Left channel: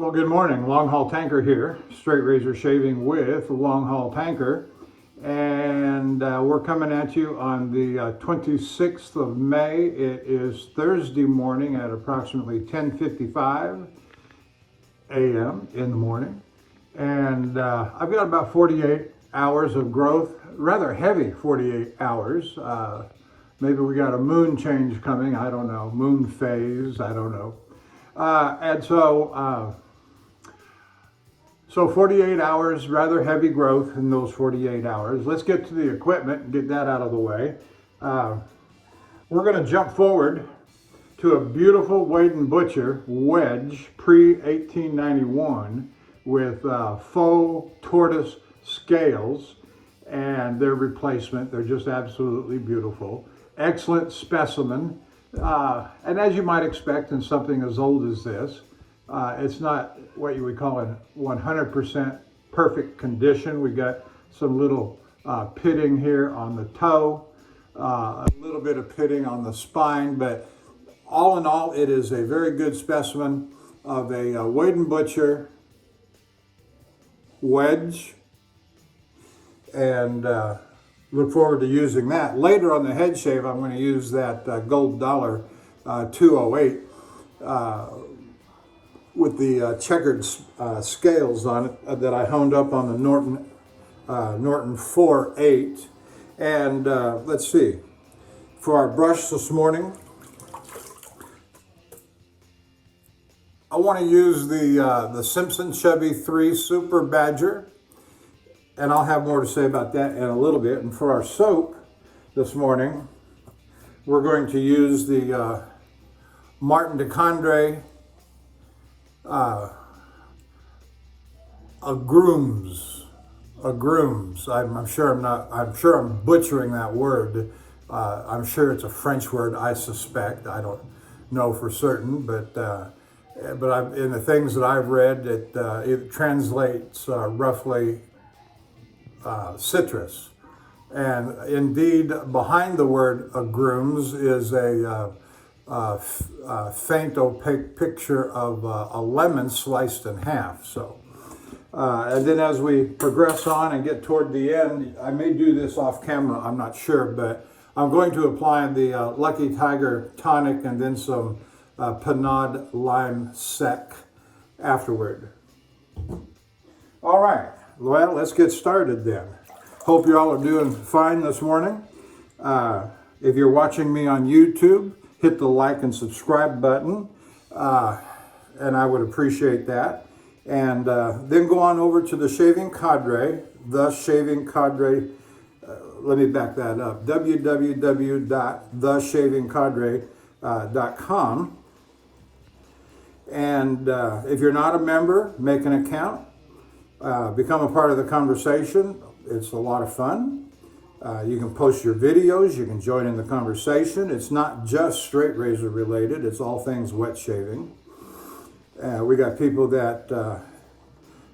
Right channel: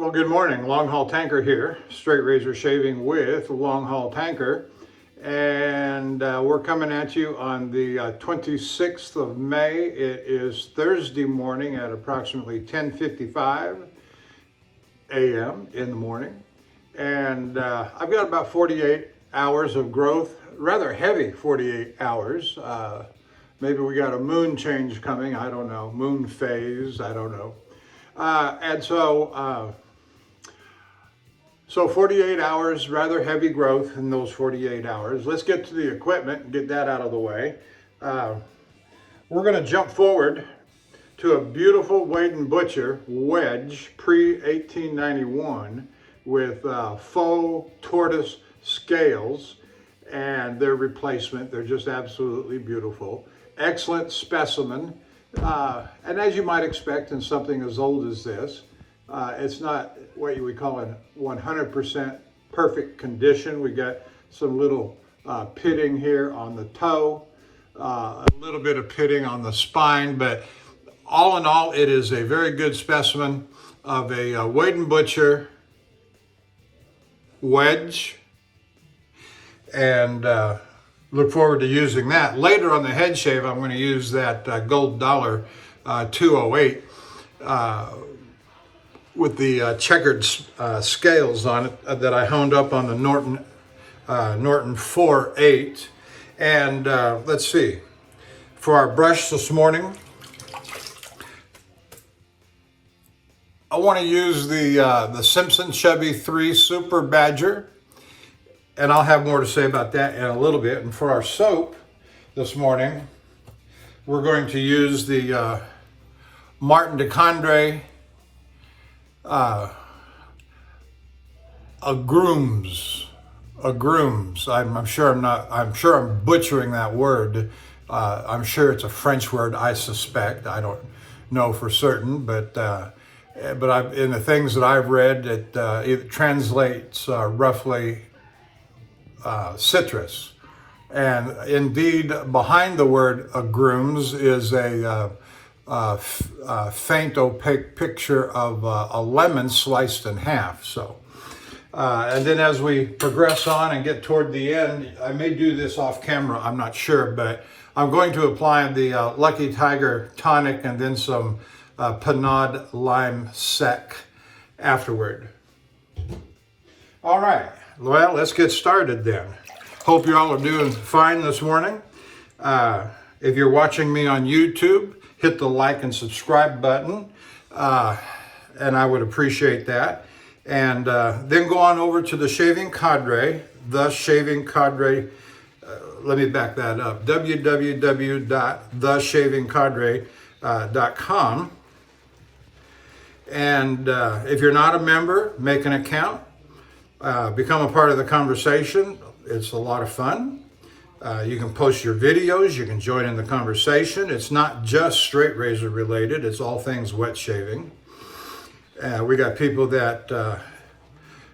Well, good morning. Longhaultanker here, straight razor shaving with Longhaultanker. And we're coming at you on the 26th of May. It is Thursday morning at approximately 10:55 a.m. in the morning. And I've got about 48 hours of growth, rather heavy 48 hours. Maybe we got a moon change coming, I don't know, moon phase, I don't know. So 48 hours, rather heavy growth in those 48 hours. Let's get to the equipment and get that out of the way. We're going to jump forward to a beautiful Wade & Butcher wedge pre-1891 with faux tortoise scales and their replacement. They're just absolutely beautiful. Excellent specimen. And as you might expect in something as old as this, it's not what you would call in 100% perfect condition. We got some little pitting here on the toe, a little bit of pitting on the spine, but all in all, it is a very good specimen of a Wade & Butcher wedge, and look forward to using that. Later on the head shave, I'm going to use that gold dollar 208 with the checkered scales on it that I honed up on the Norton 4.8. And let's see, for our brush this morning, I want to use the Simpson Chubby 3 Super Badger, and I'll have more to say about that in a little bit. And for our soap this morning, we're going to use the Martin de Candre Agrumes. I'm sure I'm butchering that word. I'm sure it's a French word, I suspect. I don't know for certain, but in the things that I've read, it translates roughly citrus. And indeed, behind the word agrumes is a faint opaque picture of a lemon sliced in half. So, and then as we progress on and get toward the end, I may do this off camera, I'm not sure, but I'm going to apply the Lucky Tiger tonic and then some Pinaud Lime SEC afterward. All right, well, let's get started then. Hope you all are doing fine this morning. If you're watching me on YouTube, hit the like and subscribe button, and I would appreciate that. And then go on over to the Shaving Candre, the Shaving Candre. Let me back that up, www.theshavingcandre.com. And if you're not a member, make an account, become a part of the conversation. It's a lot of fun. You can post your videos, you can join in the conversation. It's not just straight razor related, it's all things wet shaving. We got people that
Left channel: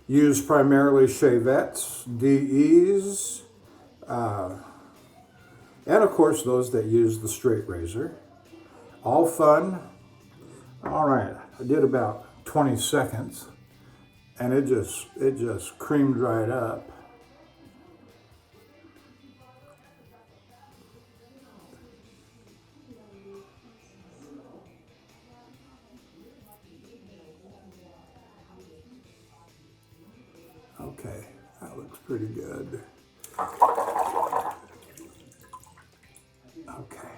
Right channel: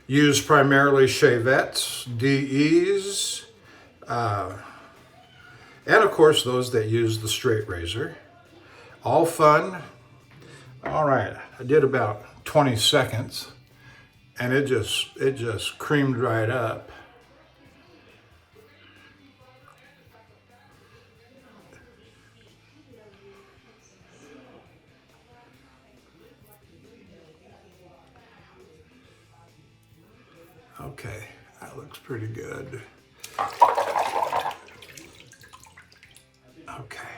use primarily shavettes, DEs, and of course those that use the straight razor. All fun. All right, I did about 20 seconds and it just creamed right up. Okay, that looks pretty good. Okay,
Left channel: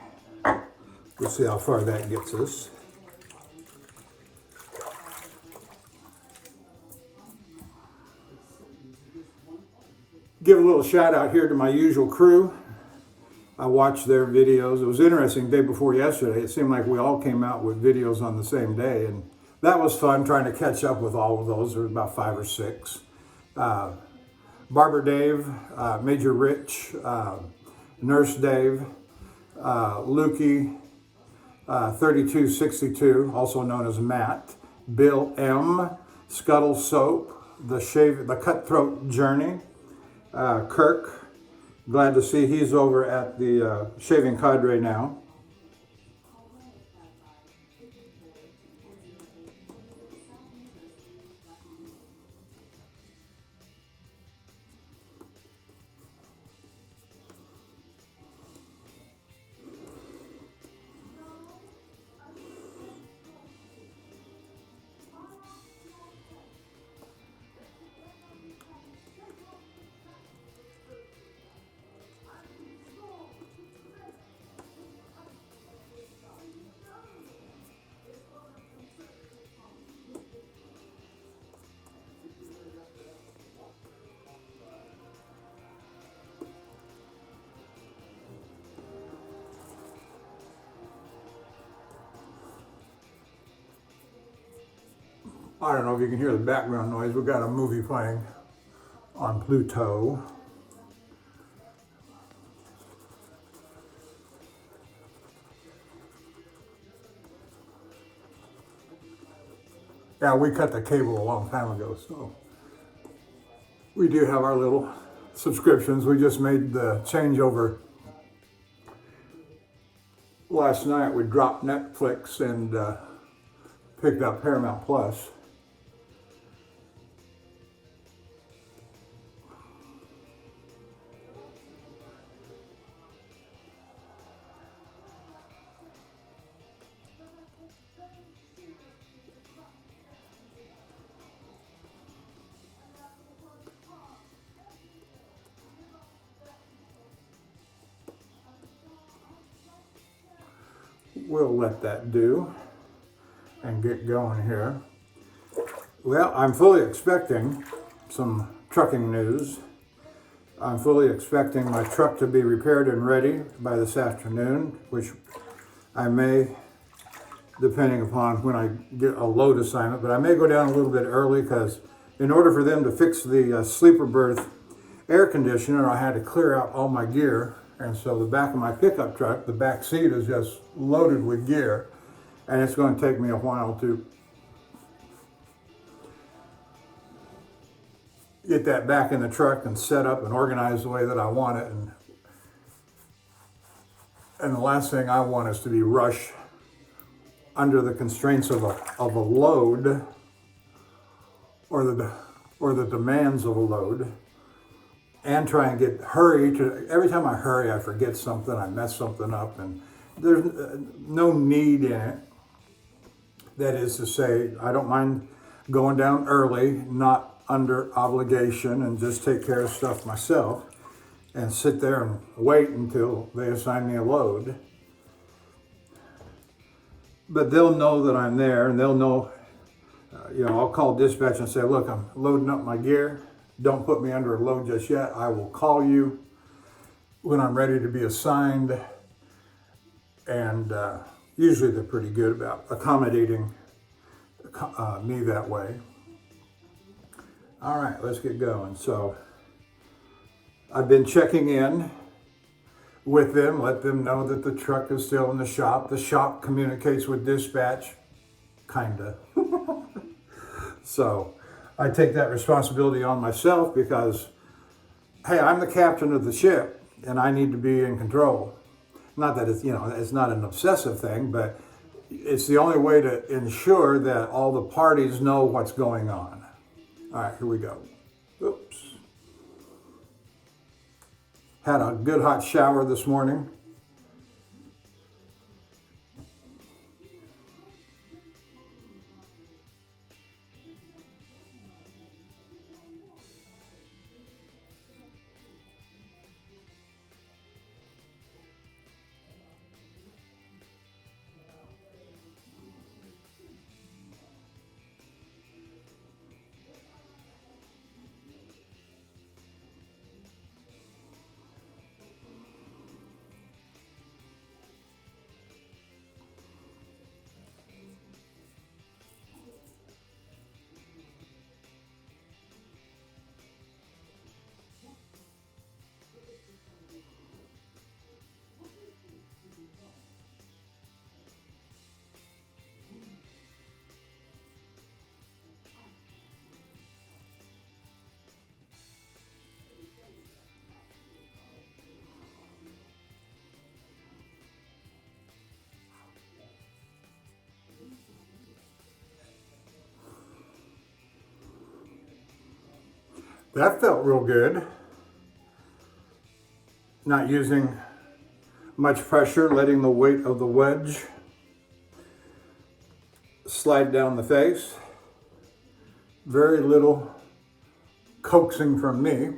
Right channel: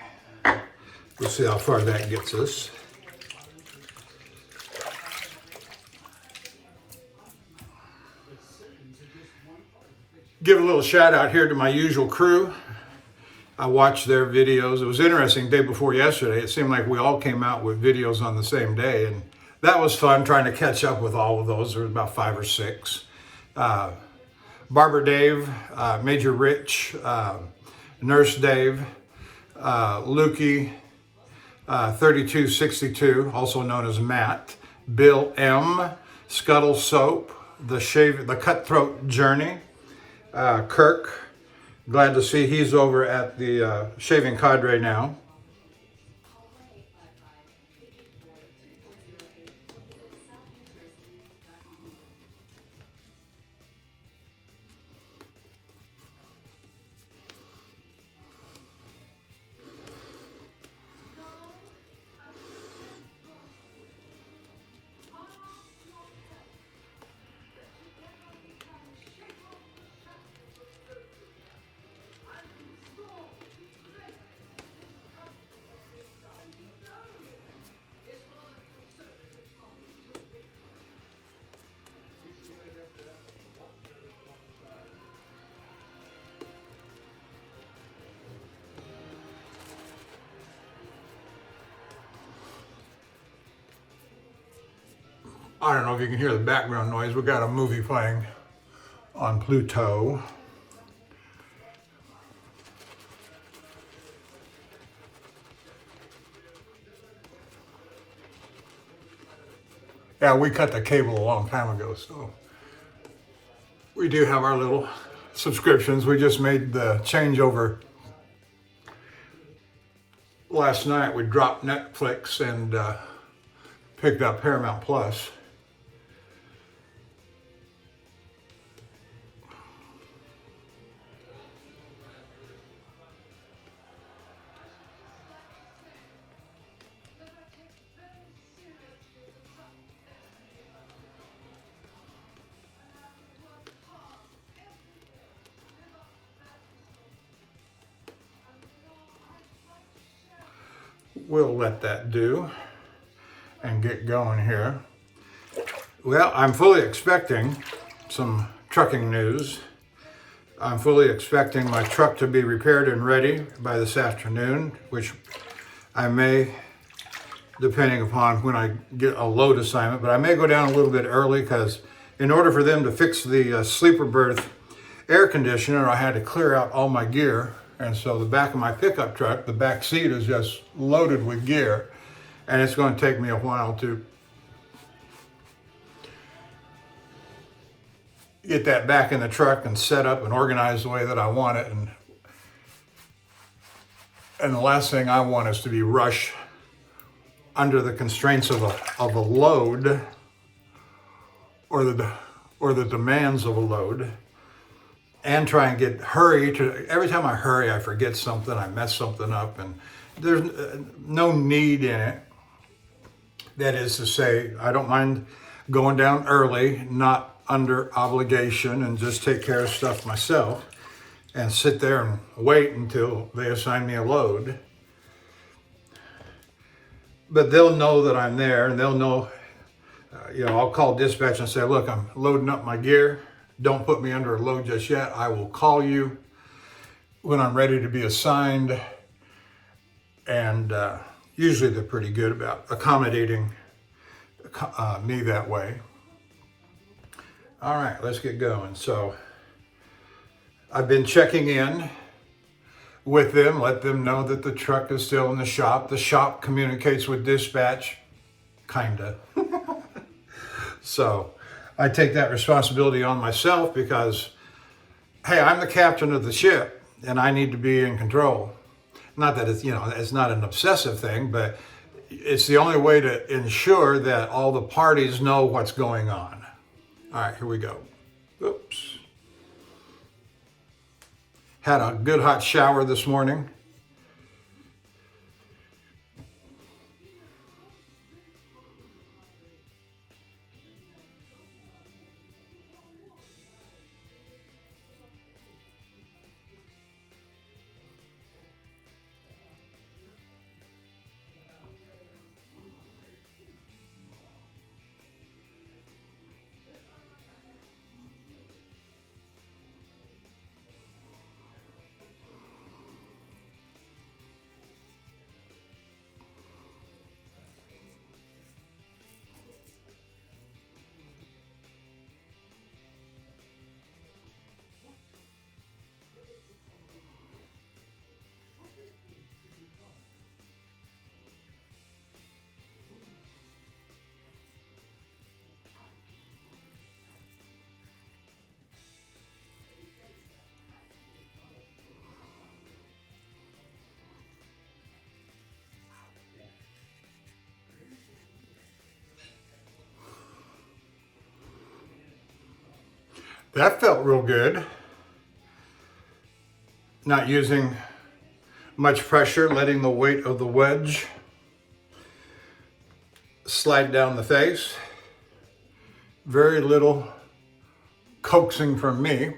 we'll see how far that gets us. Give a little shout out here to my usual crew. I watched their videos. It was interesting, day before yesterday, it seemed like we all came out with videos on the same day, and that was fun trying to catch up with all of those. There were about 5 or 6. Barber Dave, Major Rich, Nurse Dave, Lukey, 3262, also known as Matt, Bill M, Scuttle Soap, the Cutthroat Journey, Kirk, glad to see he's over at the Shaving Candre now. I don't know if you can hear the background noise. We got a movie playing on Pluto. Yeah, we cut the cable a long time ago, so we do have our little subscriptions. We just made the changeover last night. We dropped Netflix and picked up Paramount Plus. We'll let that do and get going here. Well, I'm fully expecting some trucking news. I'm fully expecting my truck to be repaired and ready by this afternoon, which I may, depending upon when I get a load assignment, but I may go down a little bit early because in order for them to fix the sleeper berth air conditioner, I had to clear out all my gear. And so the back of my pickup truck, the back seat is just loaded with gear. And it's going to take me a while to get that back in the truck and set up and organized the way that I want it. And the last thing I want is to be rushed under the constraints of a load or the demands of a load, and try and every time I hurry, I forget something, I mess something up, and there's no need in it. That is to say, I don't mind going down early, not under obligation, and just take care of stuff myself and sit there and wait until they assign me a load. But they'll know that I'm there, and they'll know, I'll call dispatch and say, look, I'm loading up my gear. Don't put me under a load just yet. I will call you when I'm ready to be assigned. And usually they're pretty good about accommodating me that way. All right, let's get going. So I've been checking in with them, let them know that the truck is still in the shop. The shop communicates with dispatch, kinda. So I take that responsibility on myself because, hey, I'm the captain of the ship and I need to be in control. Not that it's not an obsessive thing, but it's the only way to ensure that all the parties know what's going on. All right, here we go. Oops. Had a good hot shower this morning. That felt real good. Not using much pressure, letting the weight of the wedge slide down the face. Very little coaxing from me.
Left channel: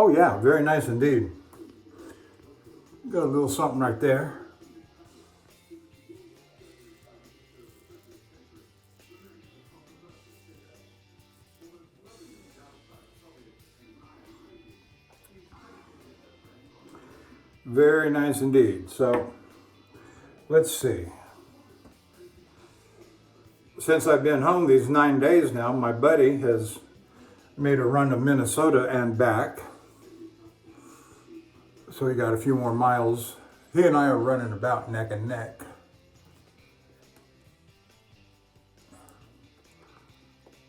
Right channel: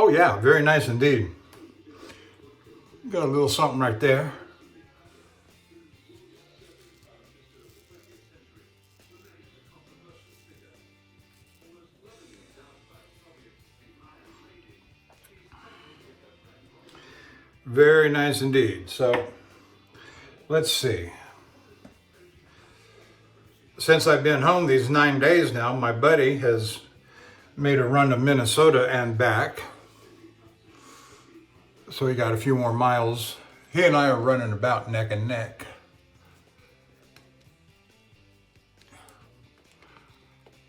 Oh yeah, very nice indeed. Got a little something right there. Very nice indeed. So let's see. Since I've been home these 9 days now, my buddy has made a run to Minnesota and back. So we got a few more miles. He and I are running about neck and neck.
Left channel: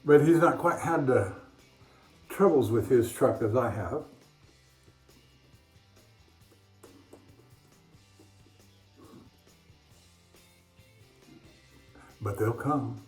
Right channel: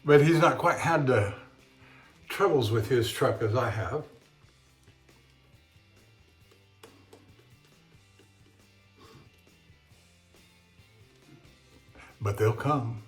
But he's not quite had the troubles with his truck as I have. But they'll come.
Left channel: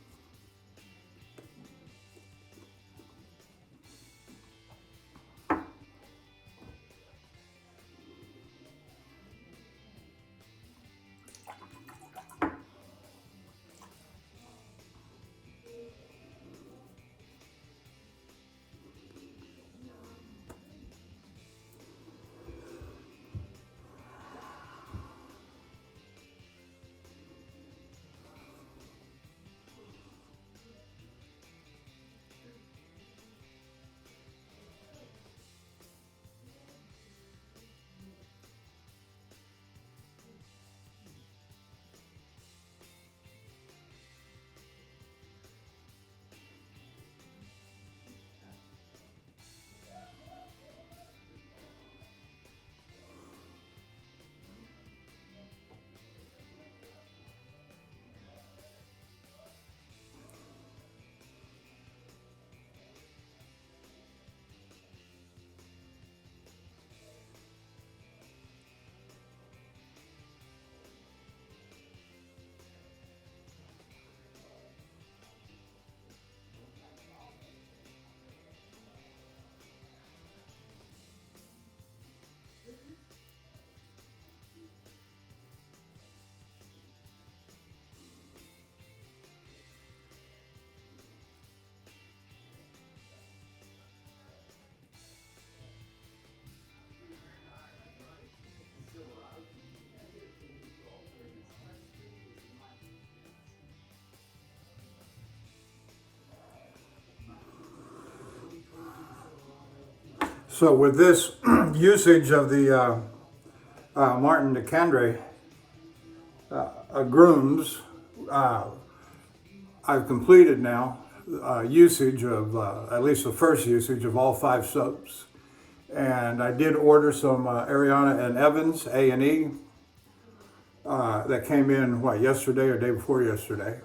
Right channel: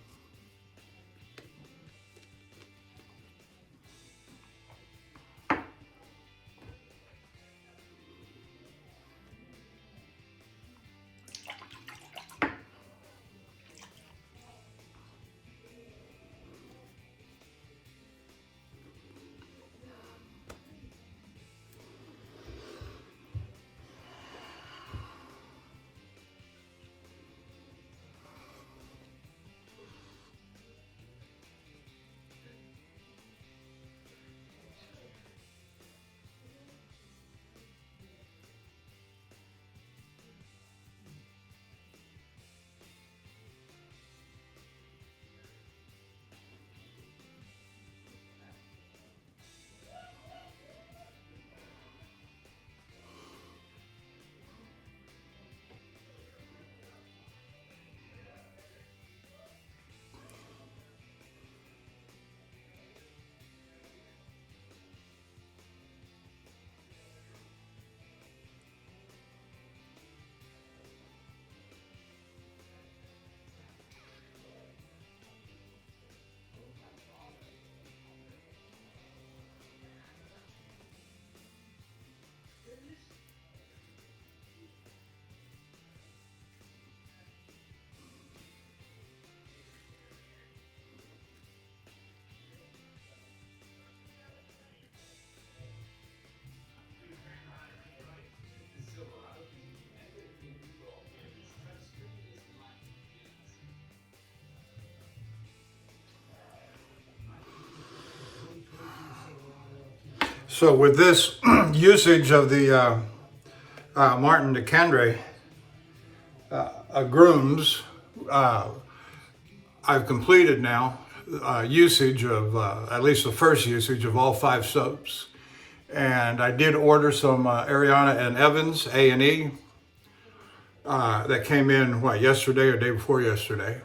So with this usage of the Martin de Candre Agrumes, I've completed now usage of, at least the first usage of all 5 soaps. And I did order some Ariana and Evans A&E that came in, what, yesterday or day before yesterday.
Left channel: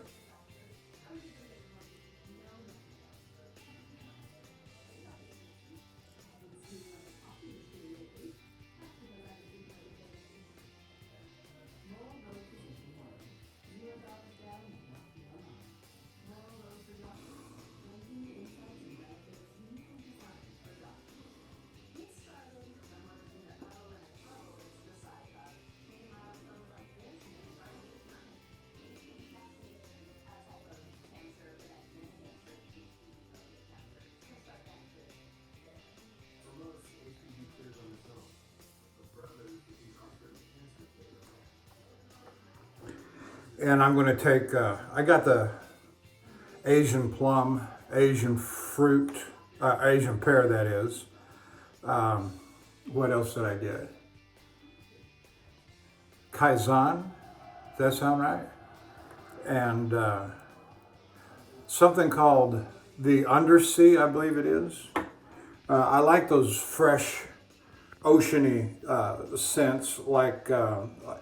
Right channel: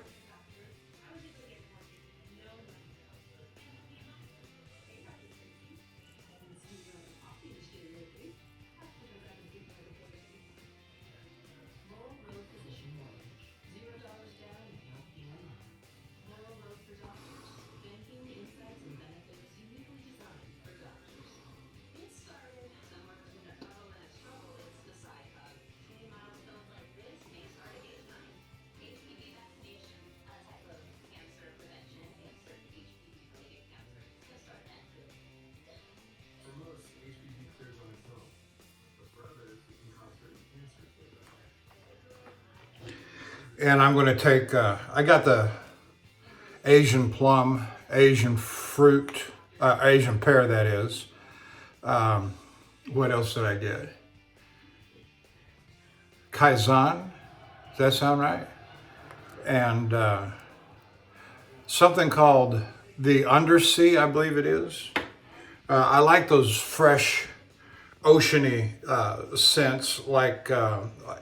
And I'm going to take, I got the Asian plum, Asian fruit, Asian pear that is. What else did I get? Kaizen, does that sound right? And something called the Undersea, I believe it is. I like those fresh, oceany scents, like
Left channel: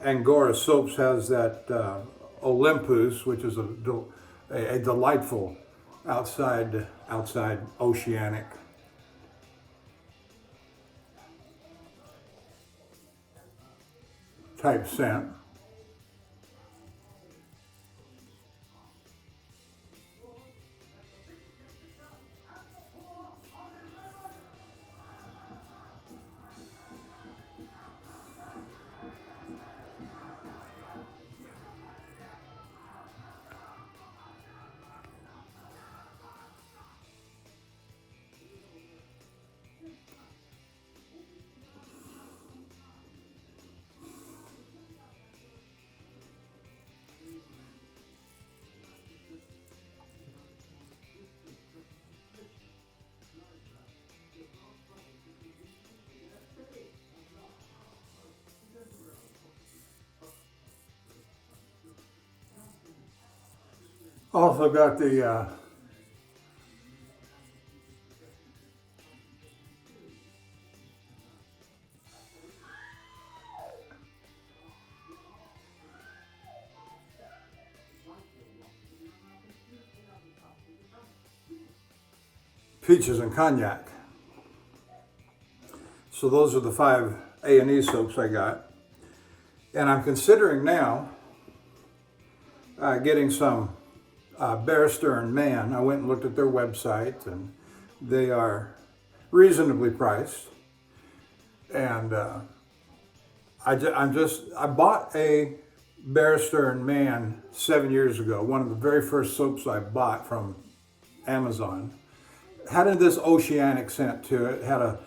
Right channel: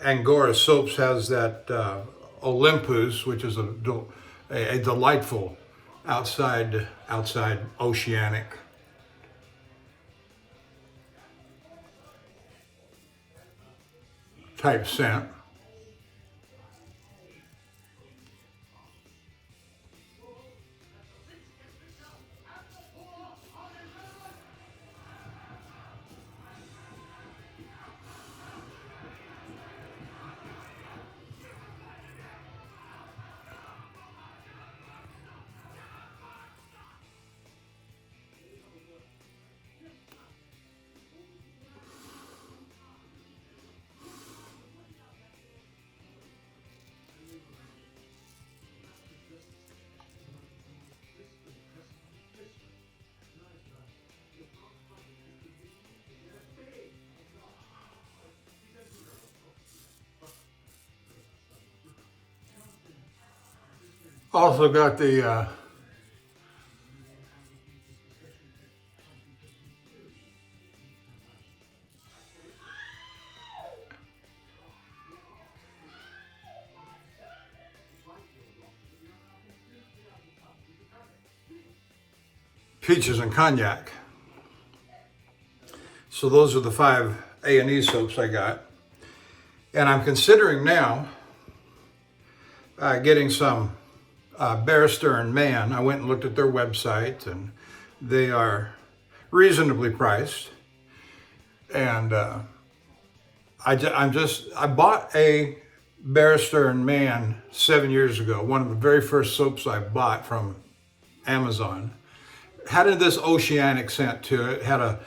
Angora Soaps has that Olympus, which is a delightful outside oceanic type scent. Also got the peaches and cognac. So those are the 5 A&E soaps I got. And I'm considering now getting some Bear Stearns Man. I went and looked at their website, and they are reasonably priced. And I bought a Bear Stearns Man 7 years ago. One of the very first soaps I bought from Amazon. Had this oceanic scent to it. Had a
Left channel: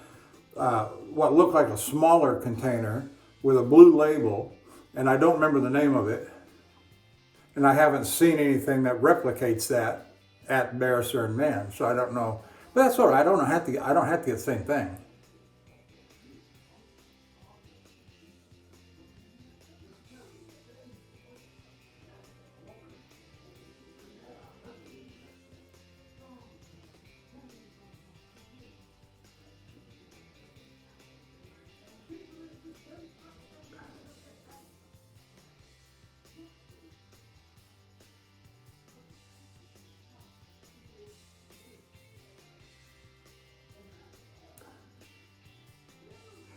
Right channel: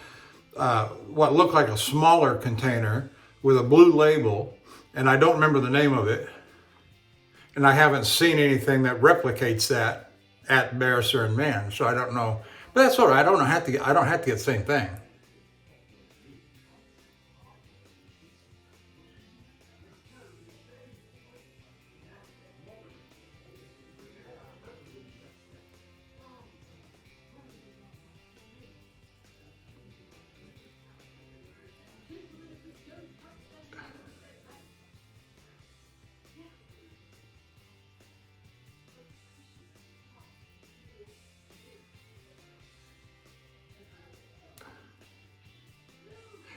what looked like a smaller container with a blue label, and I don't remember the name of it. And I haven't seen anything that replicates that at Bear Stearns Man, so I don't know. But that's all right. I don't have to get the same thing.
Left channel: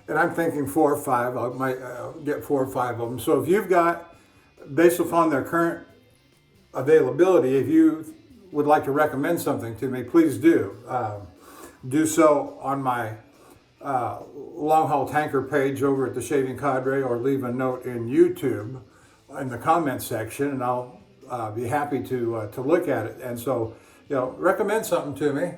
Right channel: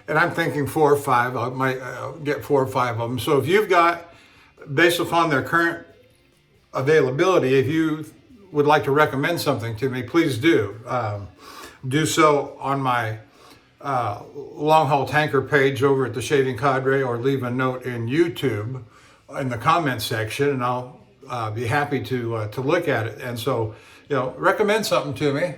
And I'm thinking 4 or 5. I might get 4 or 5 of them. So if you've got, based upon their current availability, if you would like to recommend something to me, please do. Do so on my Longhaultanker page over at the Shaving Candre, or leave a note in YouTube in the comments section, and I'll be happy to look at it. And so, recommend something to me.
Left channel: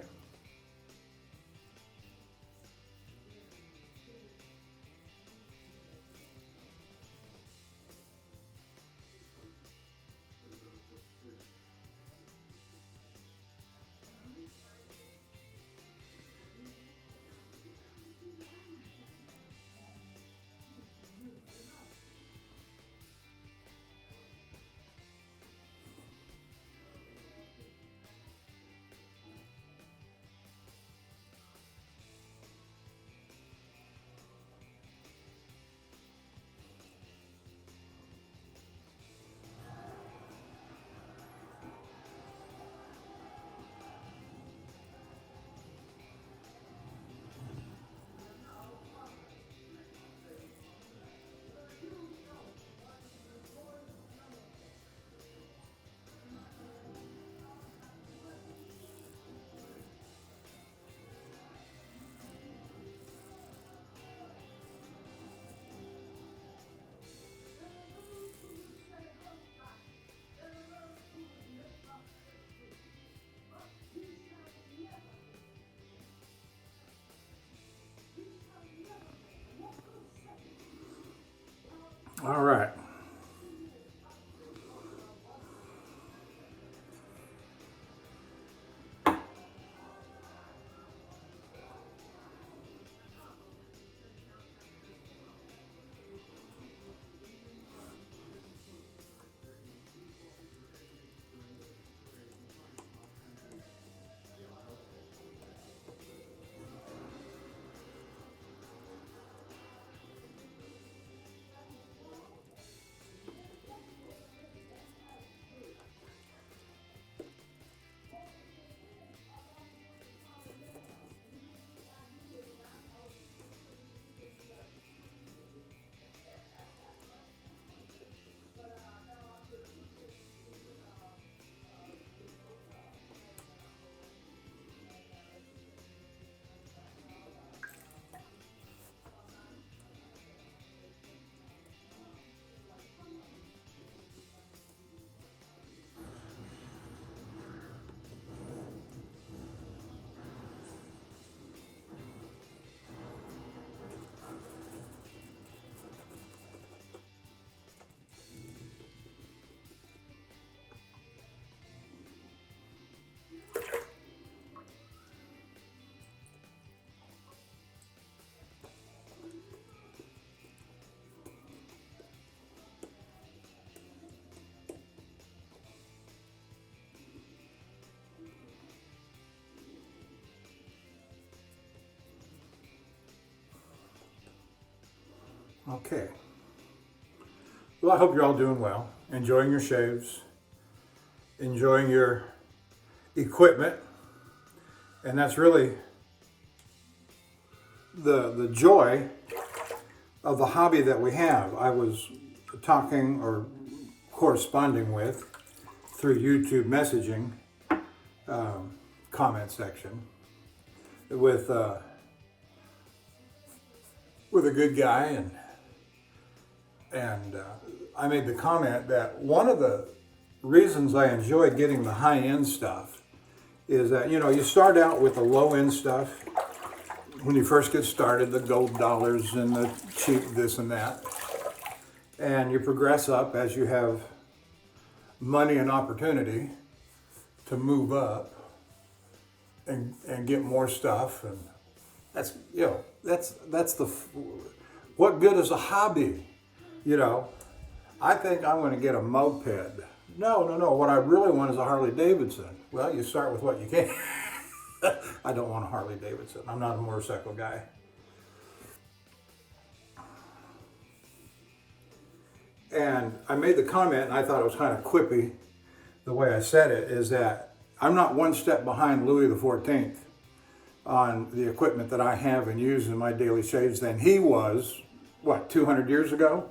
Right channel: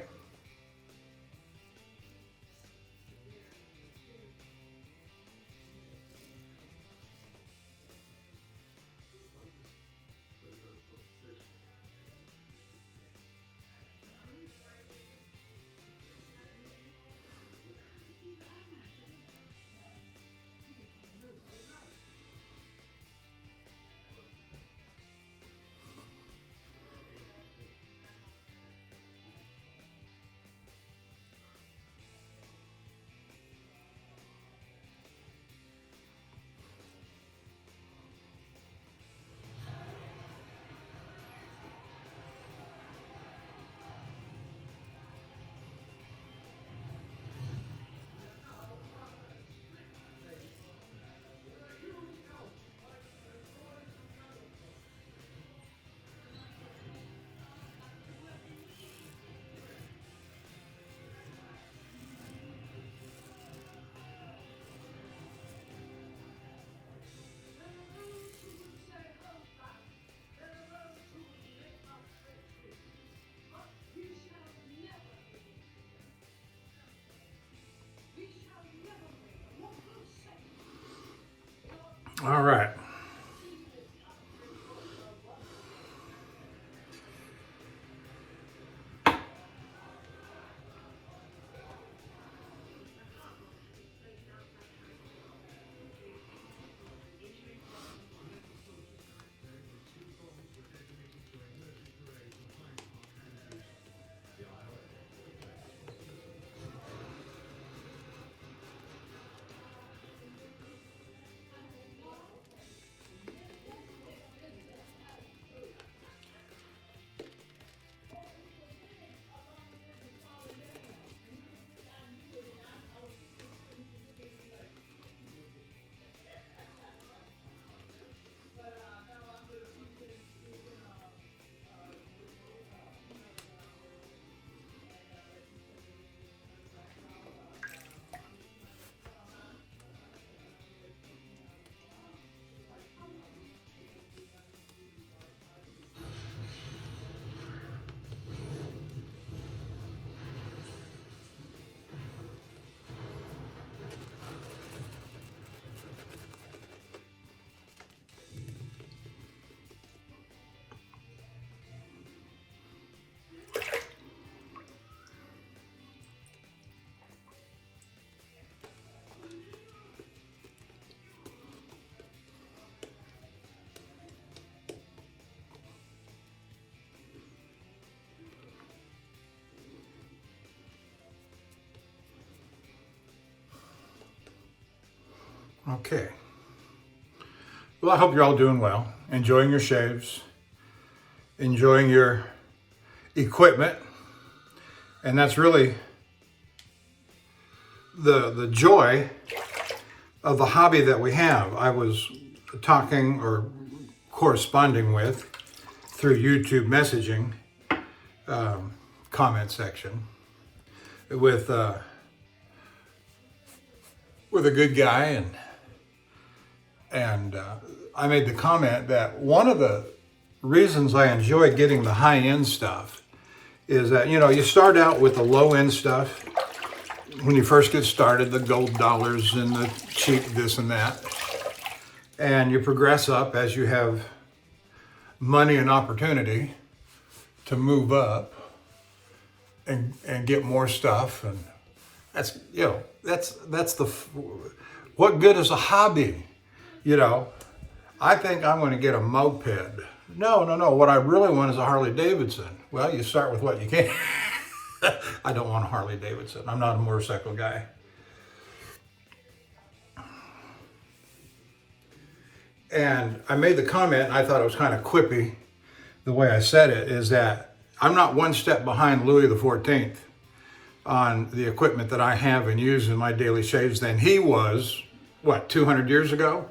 All right. Okay. Well, I hope you're all doing well, enjoying your shaves, enjoying your equipment, and that's really the joy of the hobby that we have. I was talking or corresponding with through YouTube messaging comment section with a good guy, and I made the comment that one of the reasons I enjoy getting the high-end stuff is that, you know, you start out with the low-end stuff when you first get started, the gold dollars and the cheap this and that, and you progress up as you have money and opportunity to move up and get more stuff. And that's, you know, that's the, what good is a hobby? You know, I think I want to get a moped. No. What I really want is a Harley Davidson. Well, you start with what you can. I don't want a Harley Davidson. I'm not a motorcycle guy. And I made the comment, and I thought it was kind of quippy, the way I said it, is that I'm not one step behind Louis XIV on the equipment that I have and use in my daily shaves than he was, what, 200 years ago?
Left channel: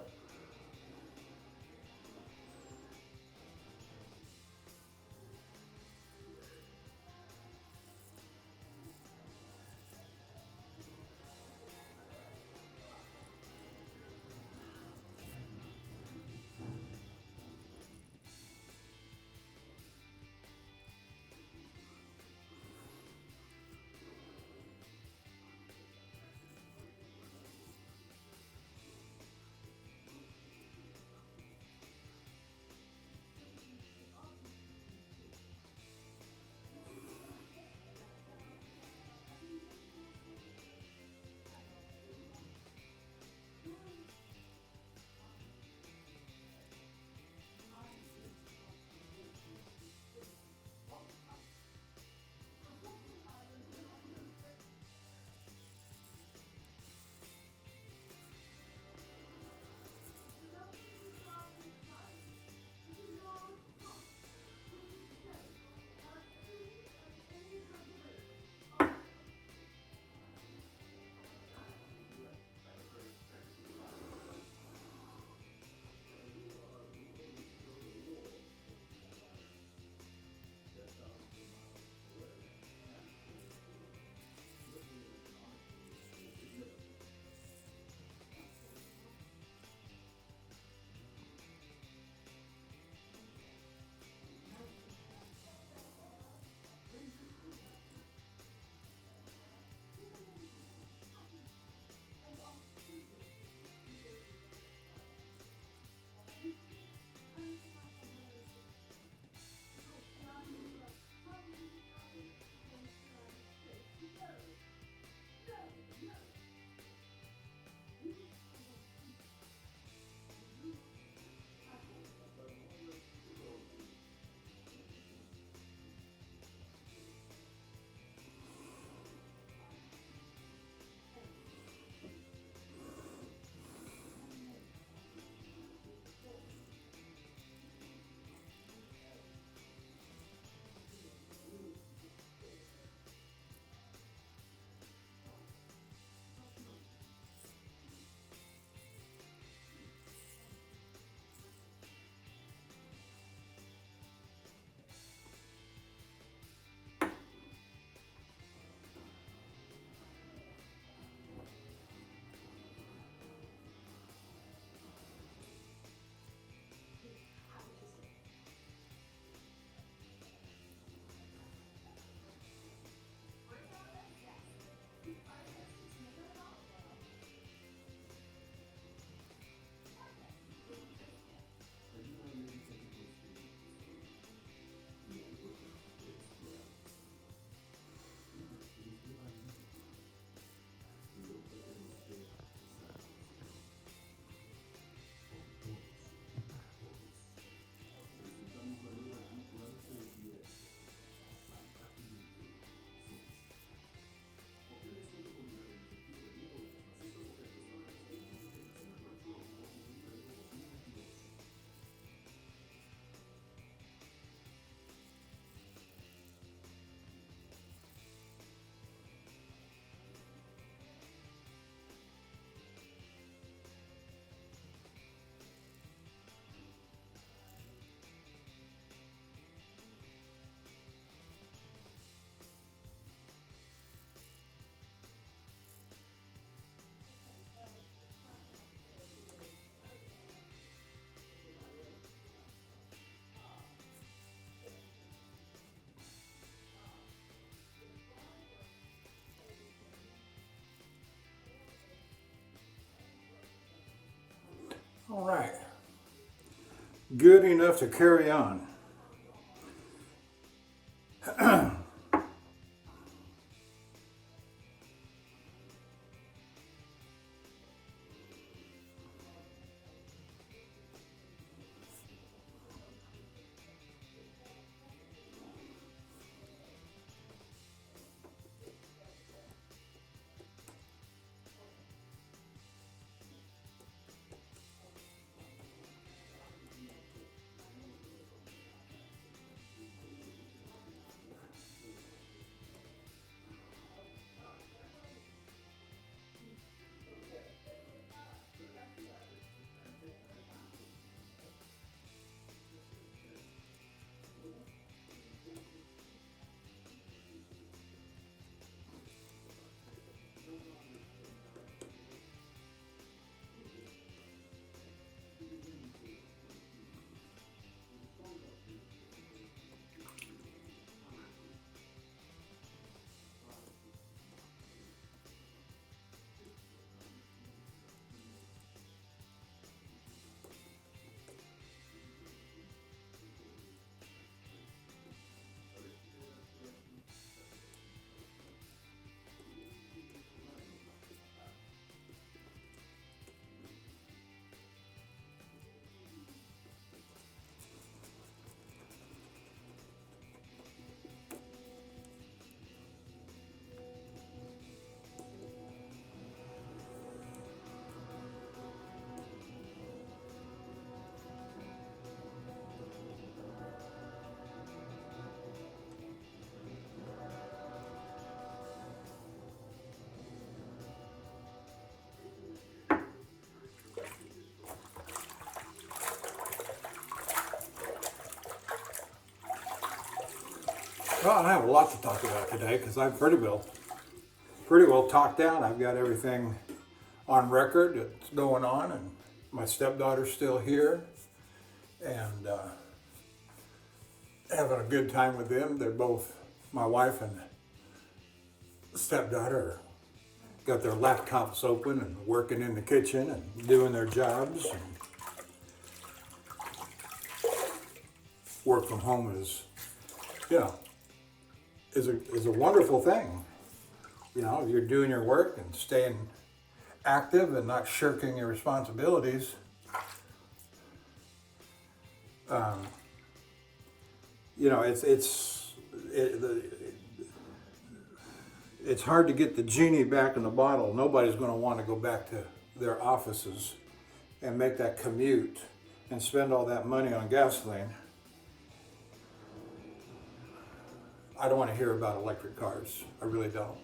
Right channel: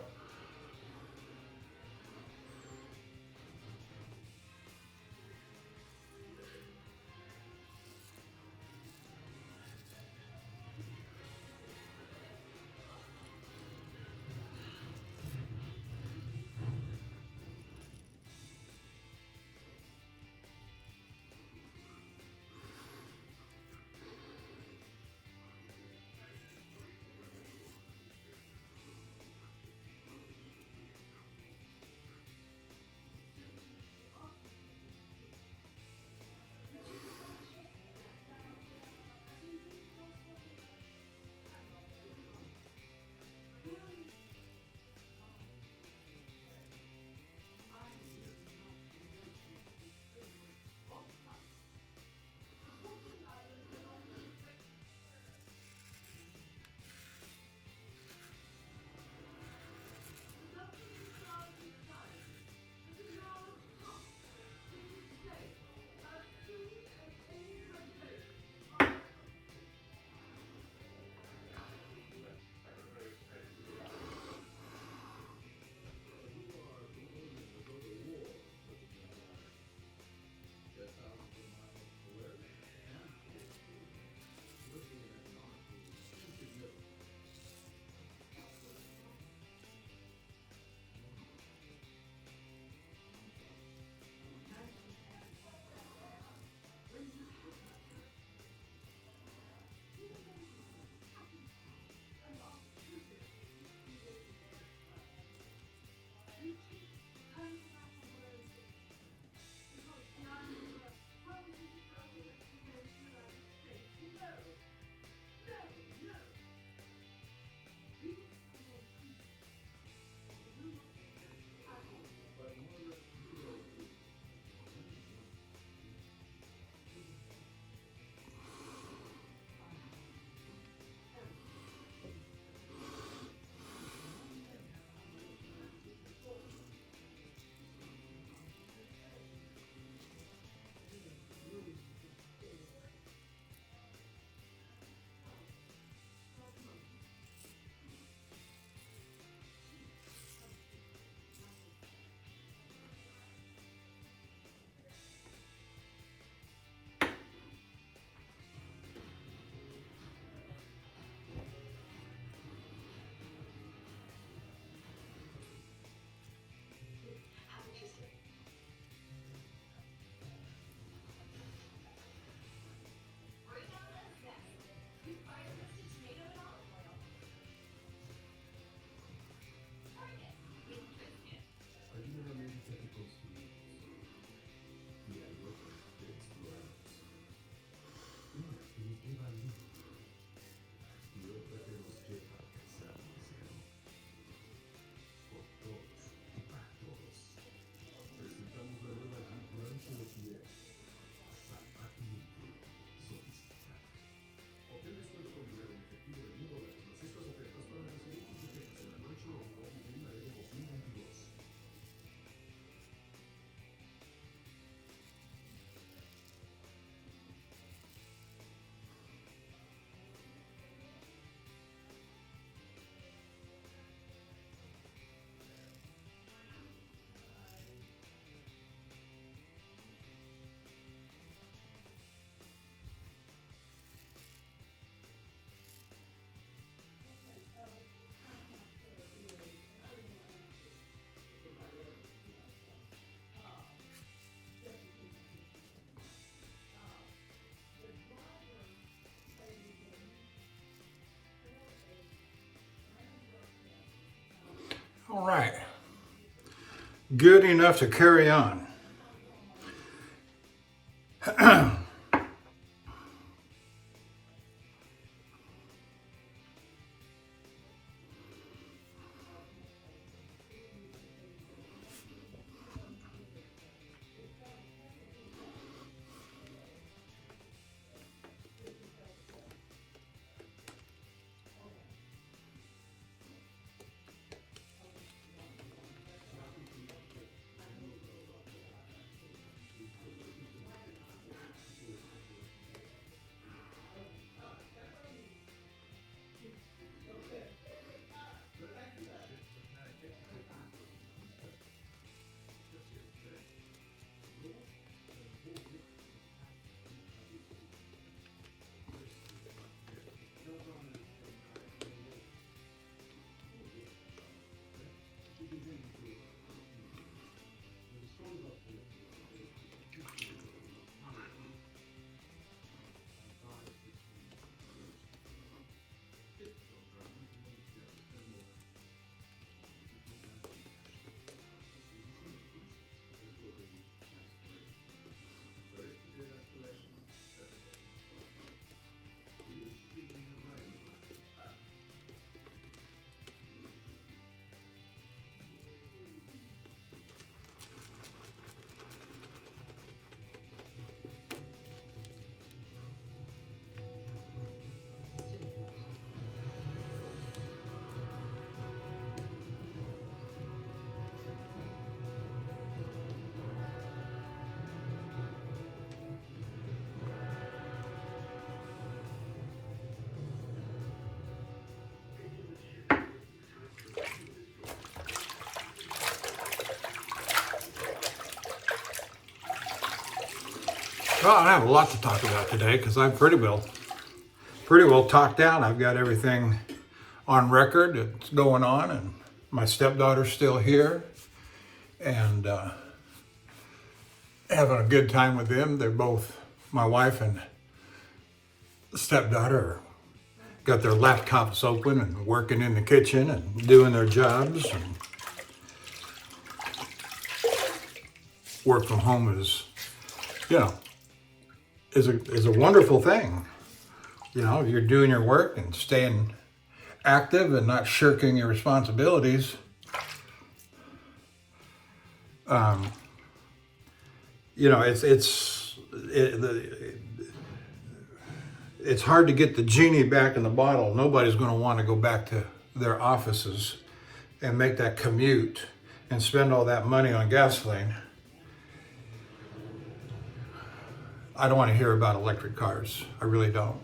All right. Good enough to carry on. Well, I have a lot to talk about today because I'm pretty well talked out. I've got everything on record. It's going on, and my stepdaughter's still here, and having a good time with them. They're both, my wife and stepdaughter, got their laptops open and working in the kitchen and doing their jobs. And work from home is, is a wonderful thing. You're doing your work and staying active and not shirking your responsibilities. It's hard to get the genie back in the bottle. Nobody's going to want to go back to their offices and make that commute and spend all that money on gasoline. I don't want to hear about electric cars. I really don't.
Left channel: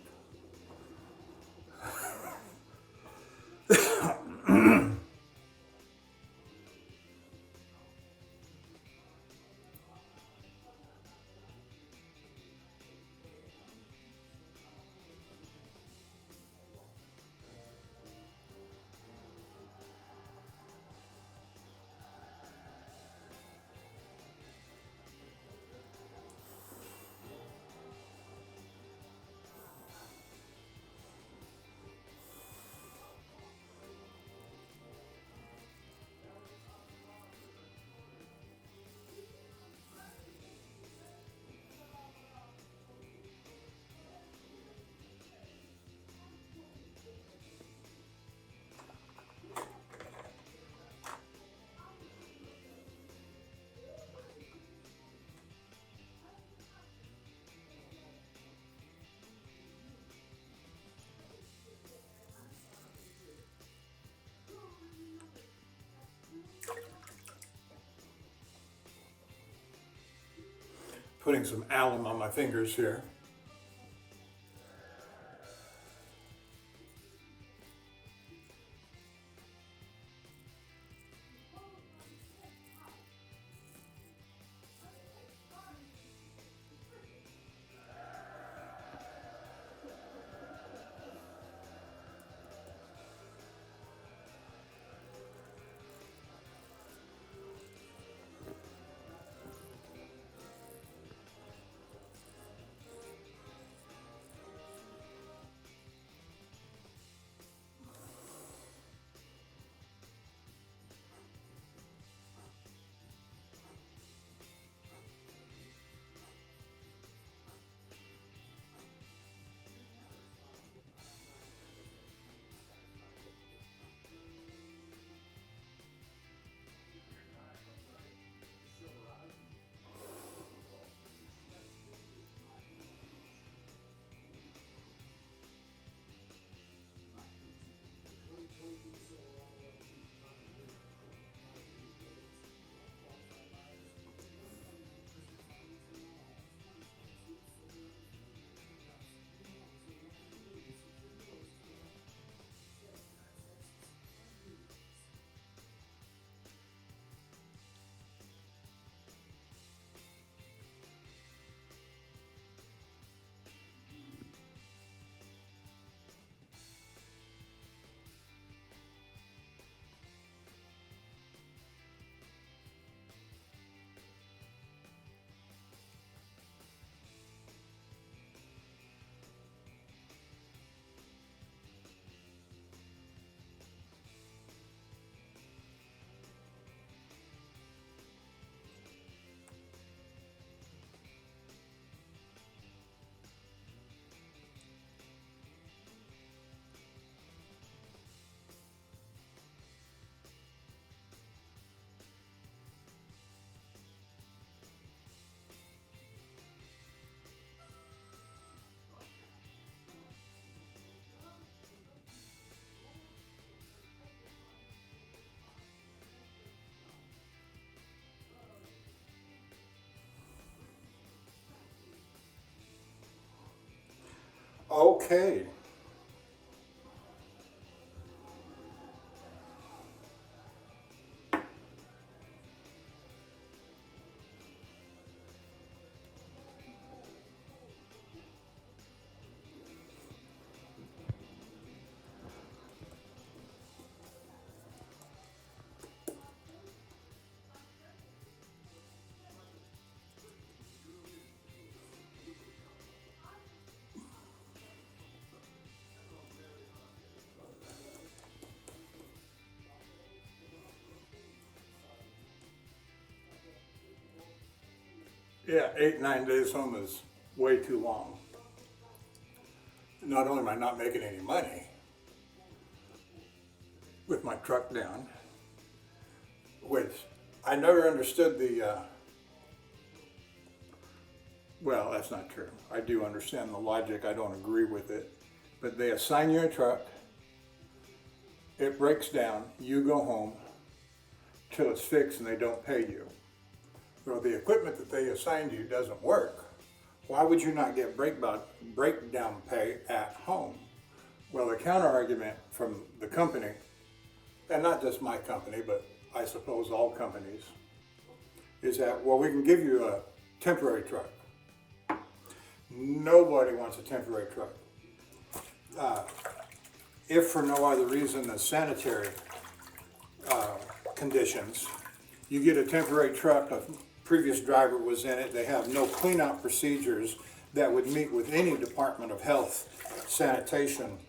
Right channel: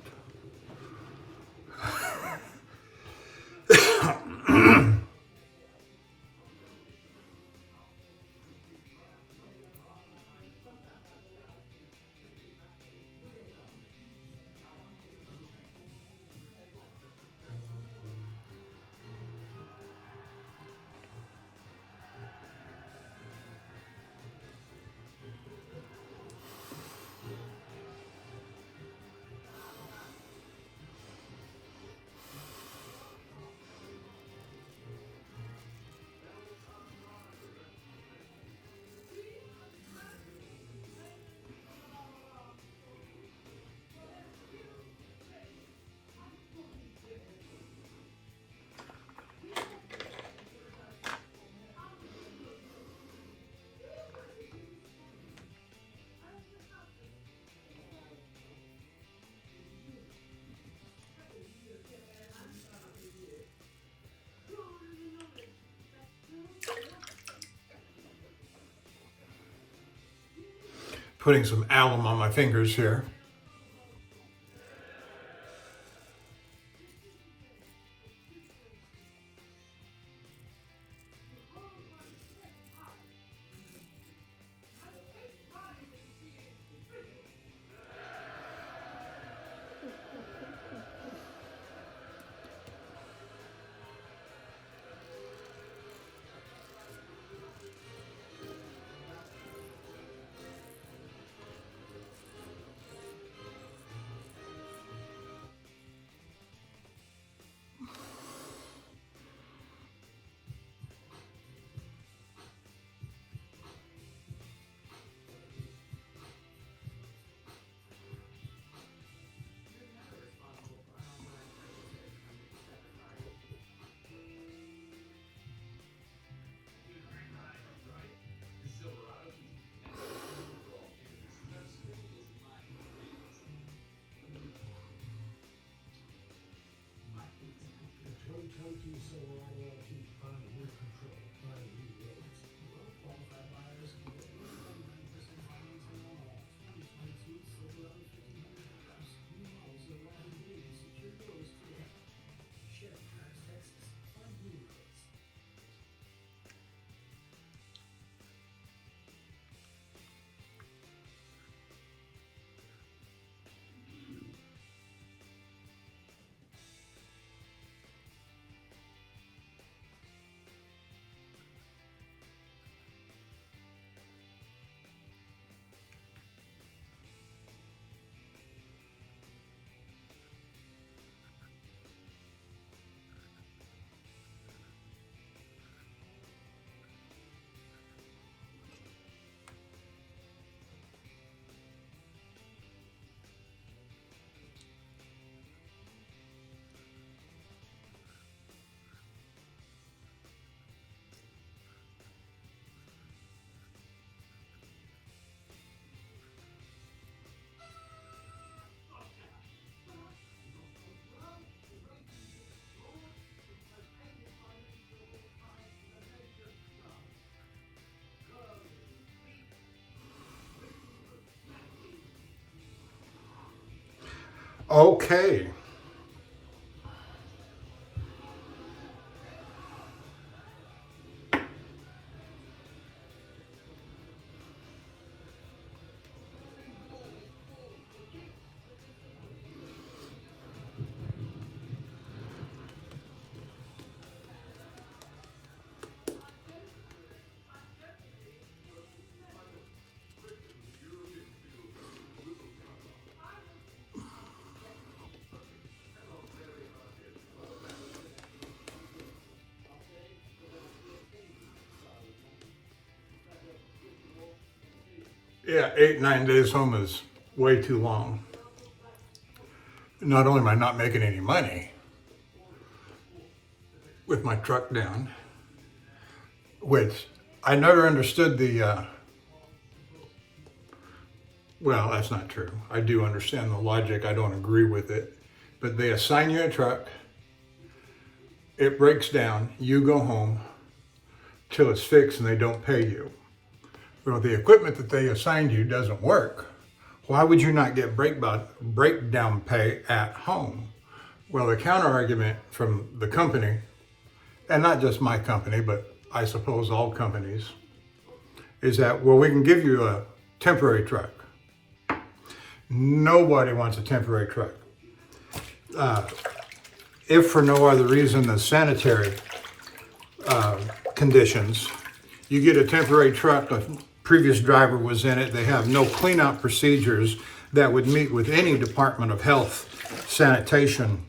Putting some alum on my fingers here. Okay. Yeah, 8, 9 days home is way too long. Not only am I not making any money with my truck down, which I never understood well, that's not true. I do understand the logic. I don't agree with it. But they assign you a truck, it breaks down, you go home till it's fixed and they don't pay you. Well, the equipment that they assigned you doesn't work. Why would you not get breakdown pay at home? Well, the counter argument from the company, and not just my company, but I suppose all companies, is that, well, we can give you a temporary truck. Nobody wants a temporary truck. If for no other reason than sanitary conditions, you get a temporary truck, the previous driver was in it, they have no cleanout procedures that would meet with any Department of Health, sanitation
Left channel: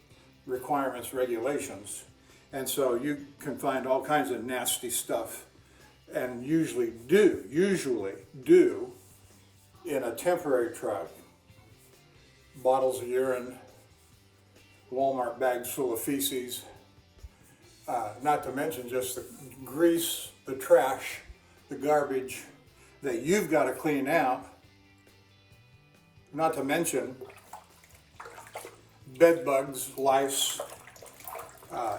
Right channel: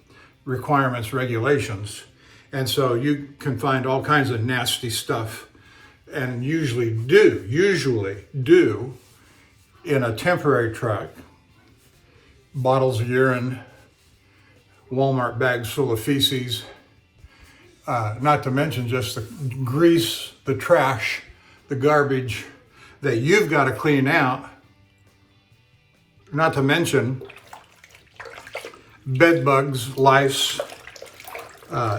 requirements, regulations. And so you can find all kinds of nasty stuff, and usually do in a temporary truck. Bottles of urine, Walmart bags full of feces, not to mention just the grease, the trash, the garbage that you've got to clean out, not to mention bed bugs, lice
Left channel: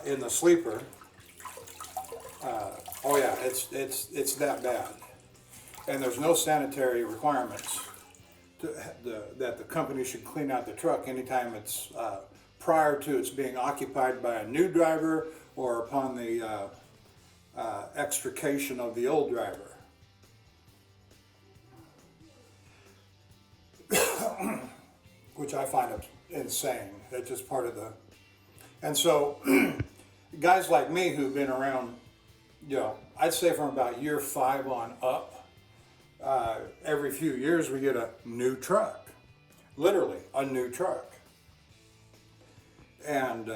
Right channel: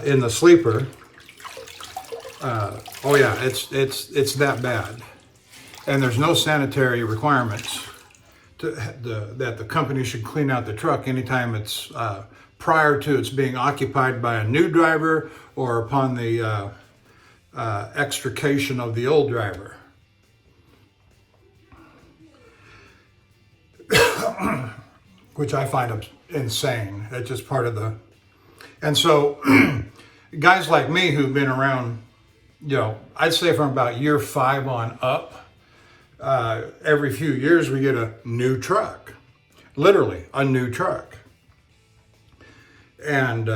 in the sleeper. Oh yeah, it's that bad. And there's no sanitary requirements that the company should clean out the truck anytime it's prior to its being occupied by a new driver or upon the extrication of the old driver. Which I find insane. It's just part of the... And so guys like me who've been around, I'd say from about year 5 on up, every few years we get a new truck, literally a new truck. And,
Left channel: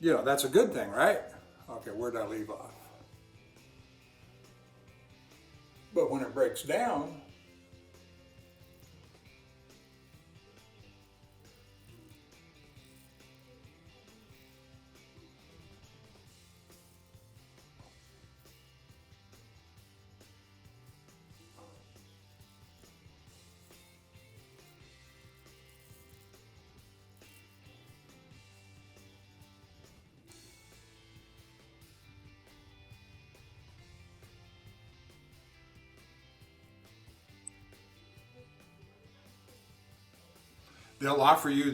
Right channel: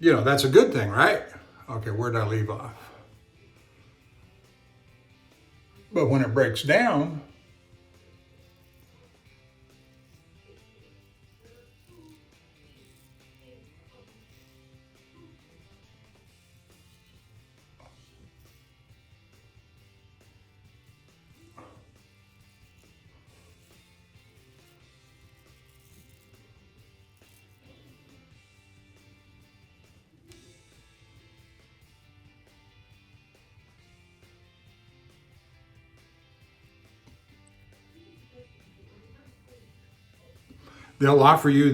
that's a good thing, right? Okay, where'd I leave off? But when it breaks down, they'll offer you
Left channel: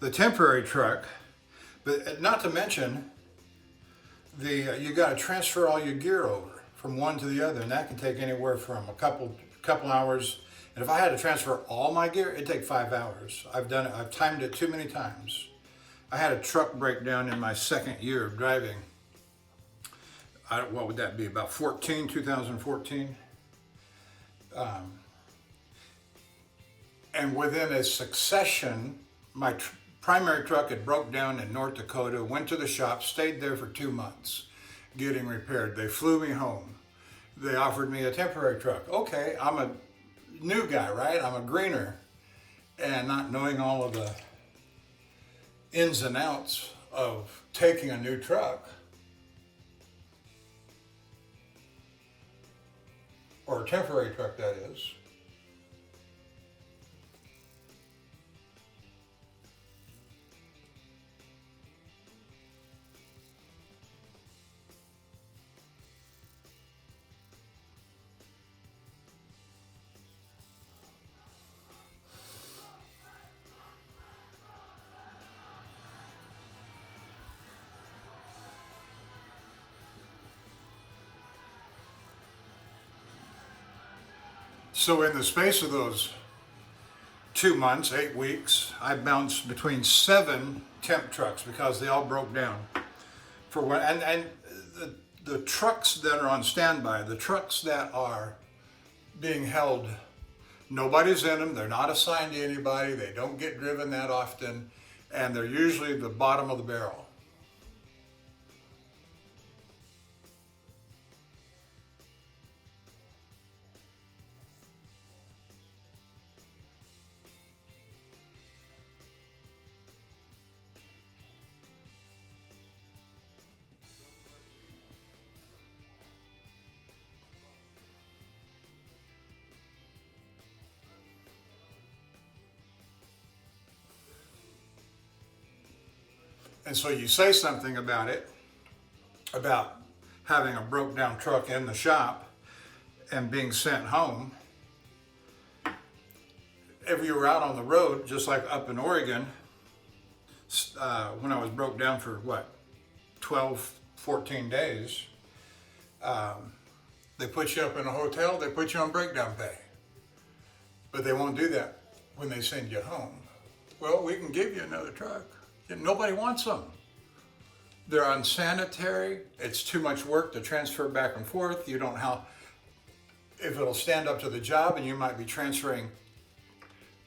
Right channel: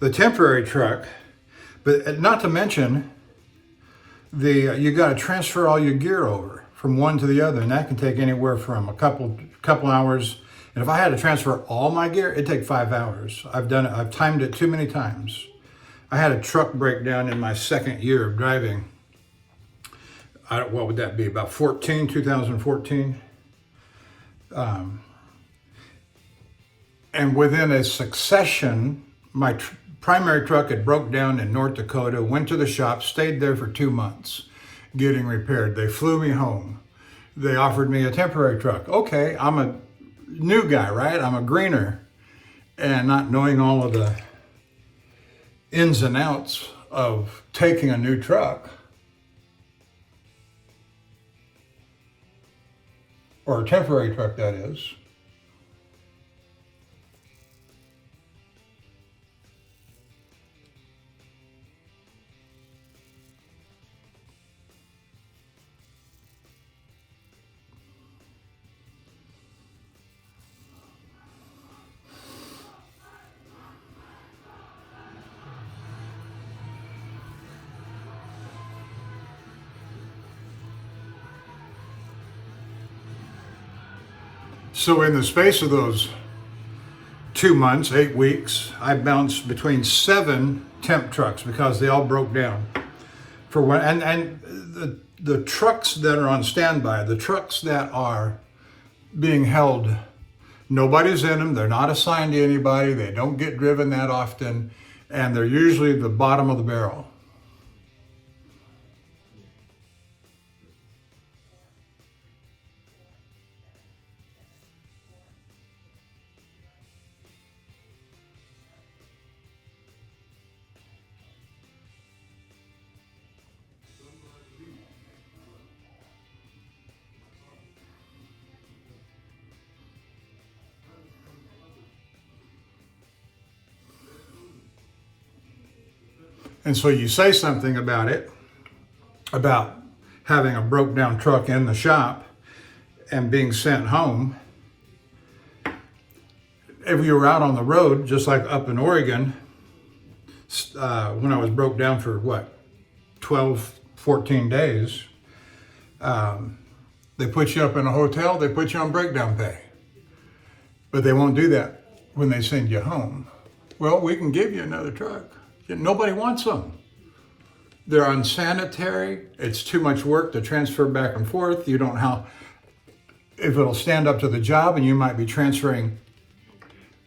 the temporary truck, but not to mention you got to transfer all your gear over from one to the other, and that can take anywhere from a couple hours. And if I had to transfer all my gear, it'd take 5 hours. I've done it. I've timed it too many times. I had a truck break down in my 2nd year of driving. What would that be? About 2014. And within a succession, my primary truck had broke down in North Dakota, went to the shop, stayed there for 2 months getting repaired. They flew me home. They offered me a temporary truck. Okay, I'm a new guy, right? I'm a greener. And not knowing all of the ins and outs of taking a new truck, or a temporary truck, that is. So in the space of those 2 months, 8 weeks, I bounced between 7 temp trucks because they all broke down. For when and the trucks that are on standby, the trucks that are being held, nobody's in them. They're not assigned to anybody. They don't get driven that often, and they're usually the bottom of the barrel. And so you say something about it, about having a broke down truck in the shop and being sent home. If you were out on the road, just like up in Oregon, when I was broke down for 12, 14 days, they put you up in a hotel, they put you on breakdown pay. But they won't do that when they send you home. Well, we can give you another truck. Nobody wants them. They're unsanitary. It's too much work to transfer back and forth. You don't know how, if it'll stand up to the job, and you might be transferring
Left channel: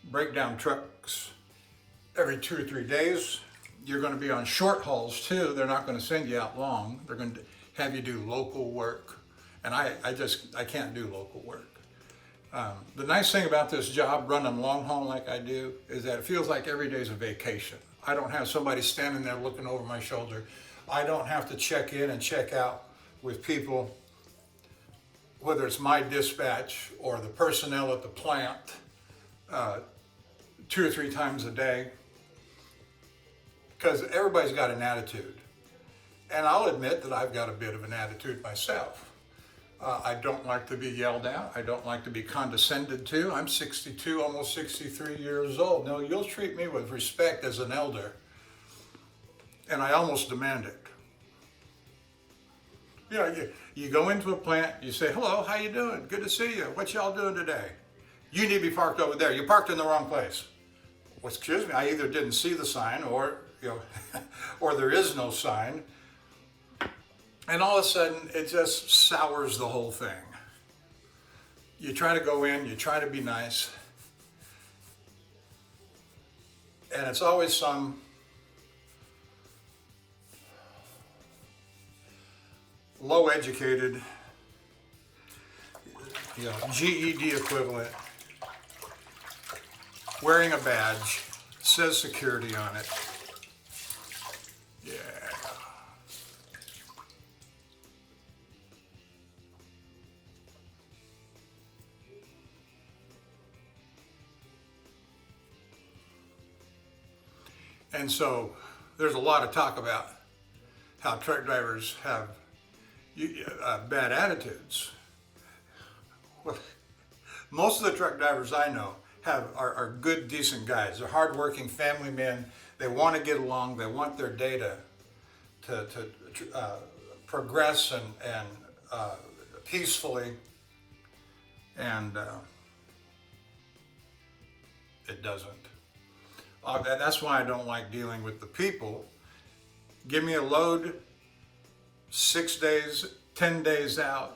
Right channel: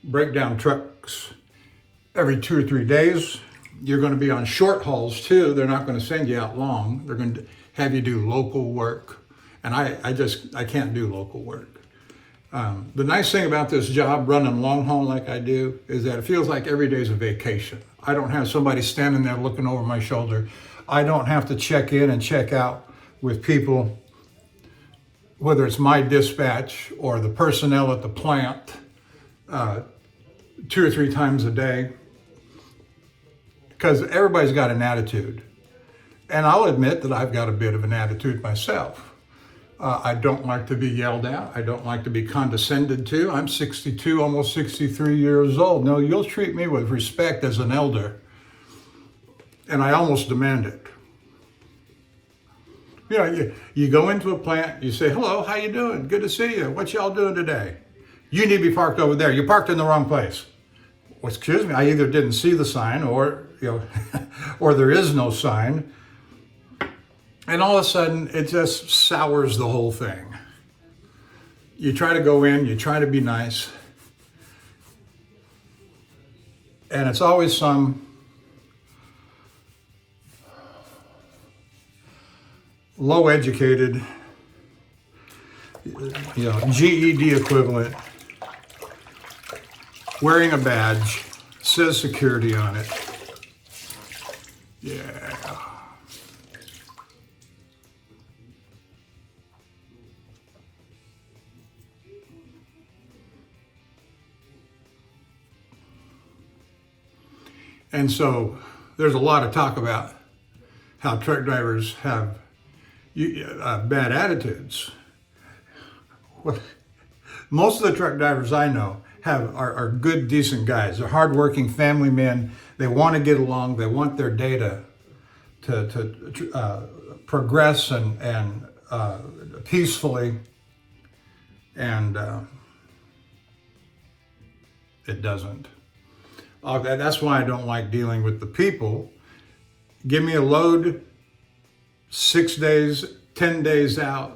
breakdown trucks every 2 or 3 days. You're going to be on short hauls too. They're not going to send you out long. They're going to have you do local work. And I can't do local work. The nice thing about this job, running long haul like I do, is that it feels like every day's a vacation. I don't have somebody standing there looking over my shoulder. I don't have to check in and check out with people, whether it's my dispatch or the personnel at the plant, 2 or 3 times a day, because everybody's got an attitude. And I'll admit that I've got a bit of an attitude myself. I don't like to be yelled at. I don't like to be condescended to. I'm 62, almost 63 years old. No, you'll treat me with respect as an elder. And I almost demand it. You know, you go into a plant, you say, hello, how you doing? Good to see you. What y'all doing today? You need to be parked over there. You parked in the wrong place. Well, excuse me, I either didn't see the sign or, or there is no sign. And all of a sudden, it just sours the whole thing. You try to go in, you try to be nice, and it's always some low-educated, GED equivalent, wearing a badge, says security on it. Yeah. And so there's a lot of talk about how truck drivers have bad attitudes. Well, most of the truck drivers I know are good, decent guys. They're hardworking family men. They want to get along. They want their day to progress and peacefully. And it doesn't. That's why I don't like dealing with the people. Give me a load 6 days, 10 days out.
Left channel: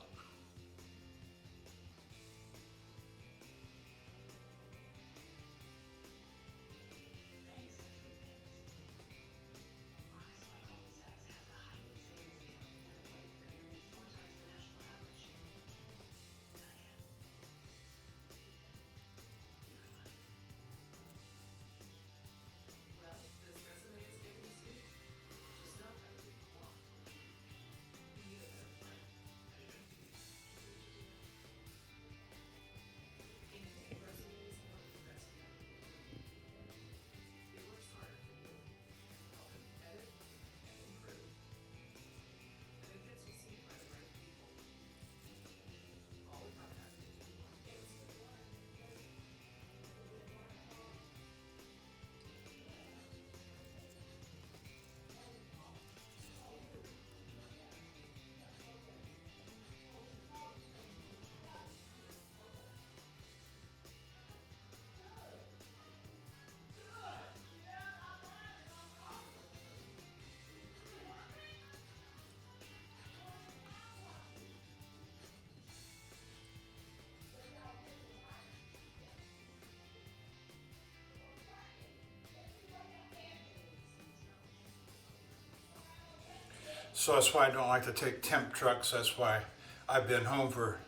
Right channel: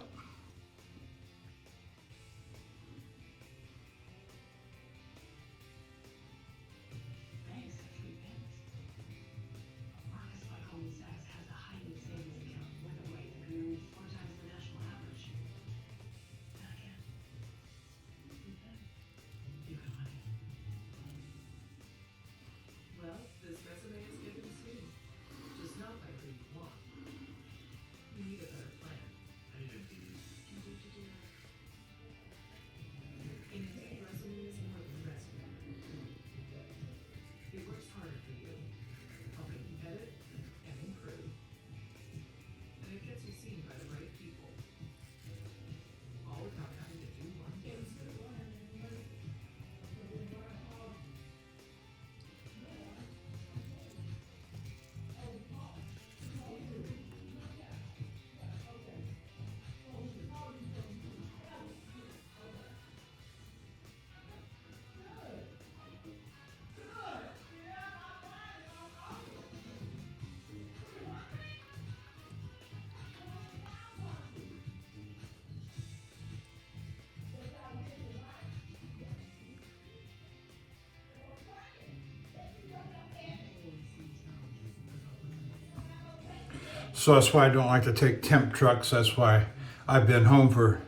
So that's why I don't like to take temp trucks. That's why I've been home for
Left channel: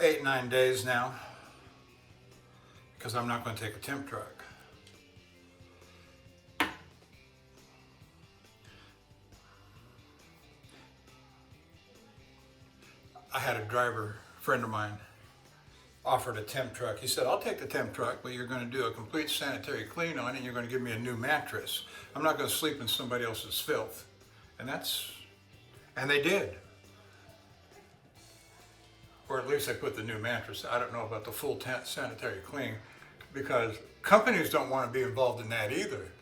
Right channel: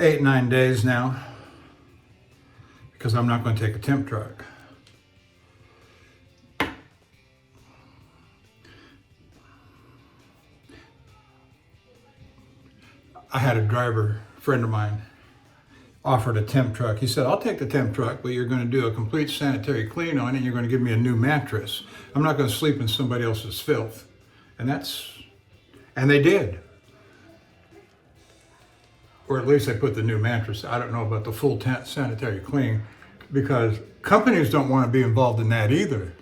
8, 9 days now, because I'm not going to take a temp truck. I had a driver, friend of mine, offered a temp truck. He said, I'll take the temp truck, but you're going to do a complete sanitary clean on it, and you're going to give me a new mattress. I'm not going to sleep in somebody else's filth. And they did. Or at least they put the new mattress. I don't know about the full sanitary clean, because companies don't want to be involved in that either,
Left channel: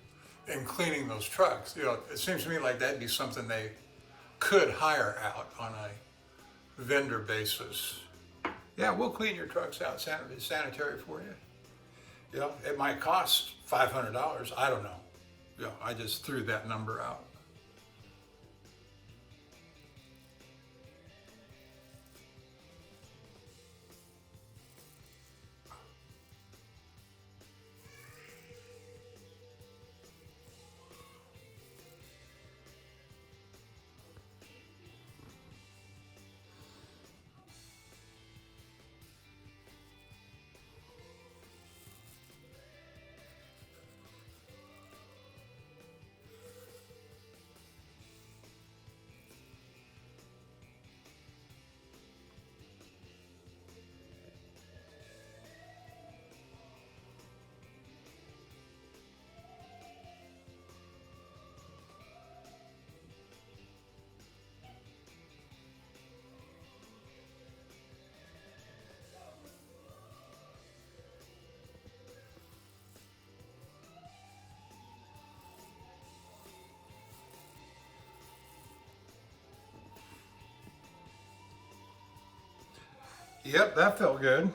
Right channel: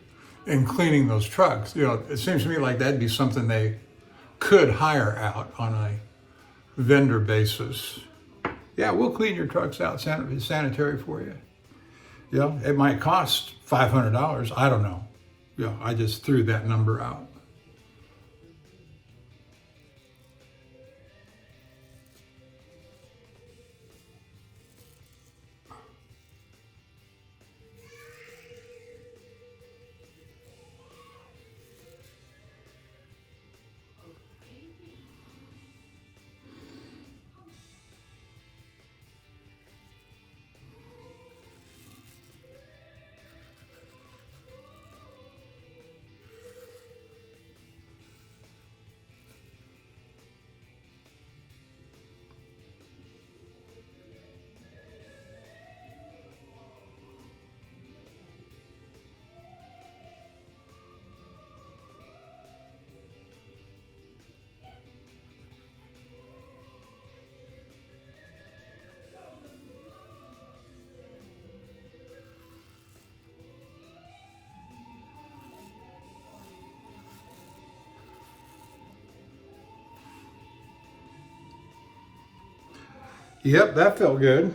in cleaning those trucks. You know, it seems to me like that'd be something they could hire out on a vendor basis. Yeah, we'll clean your trucks out, sanitary for you. You know, it might cost $500. I don't know. You know, I just threw that number out. Yep, that felt good.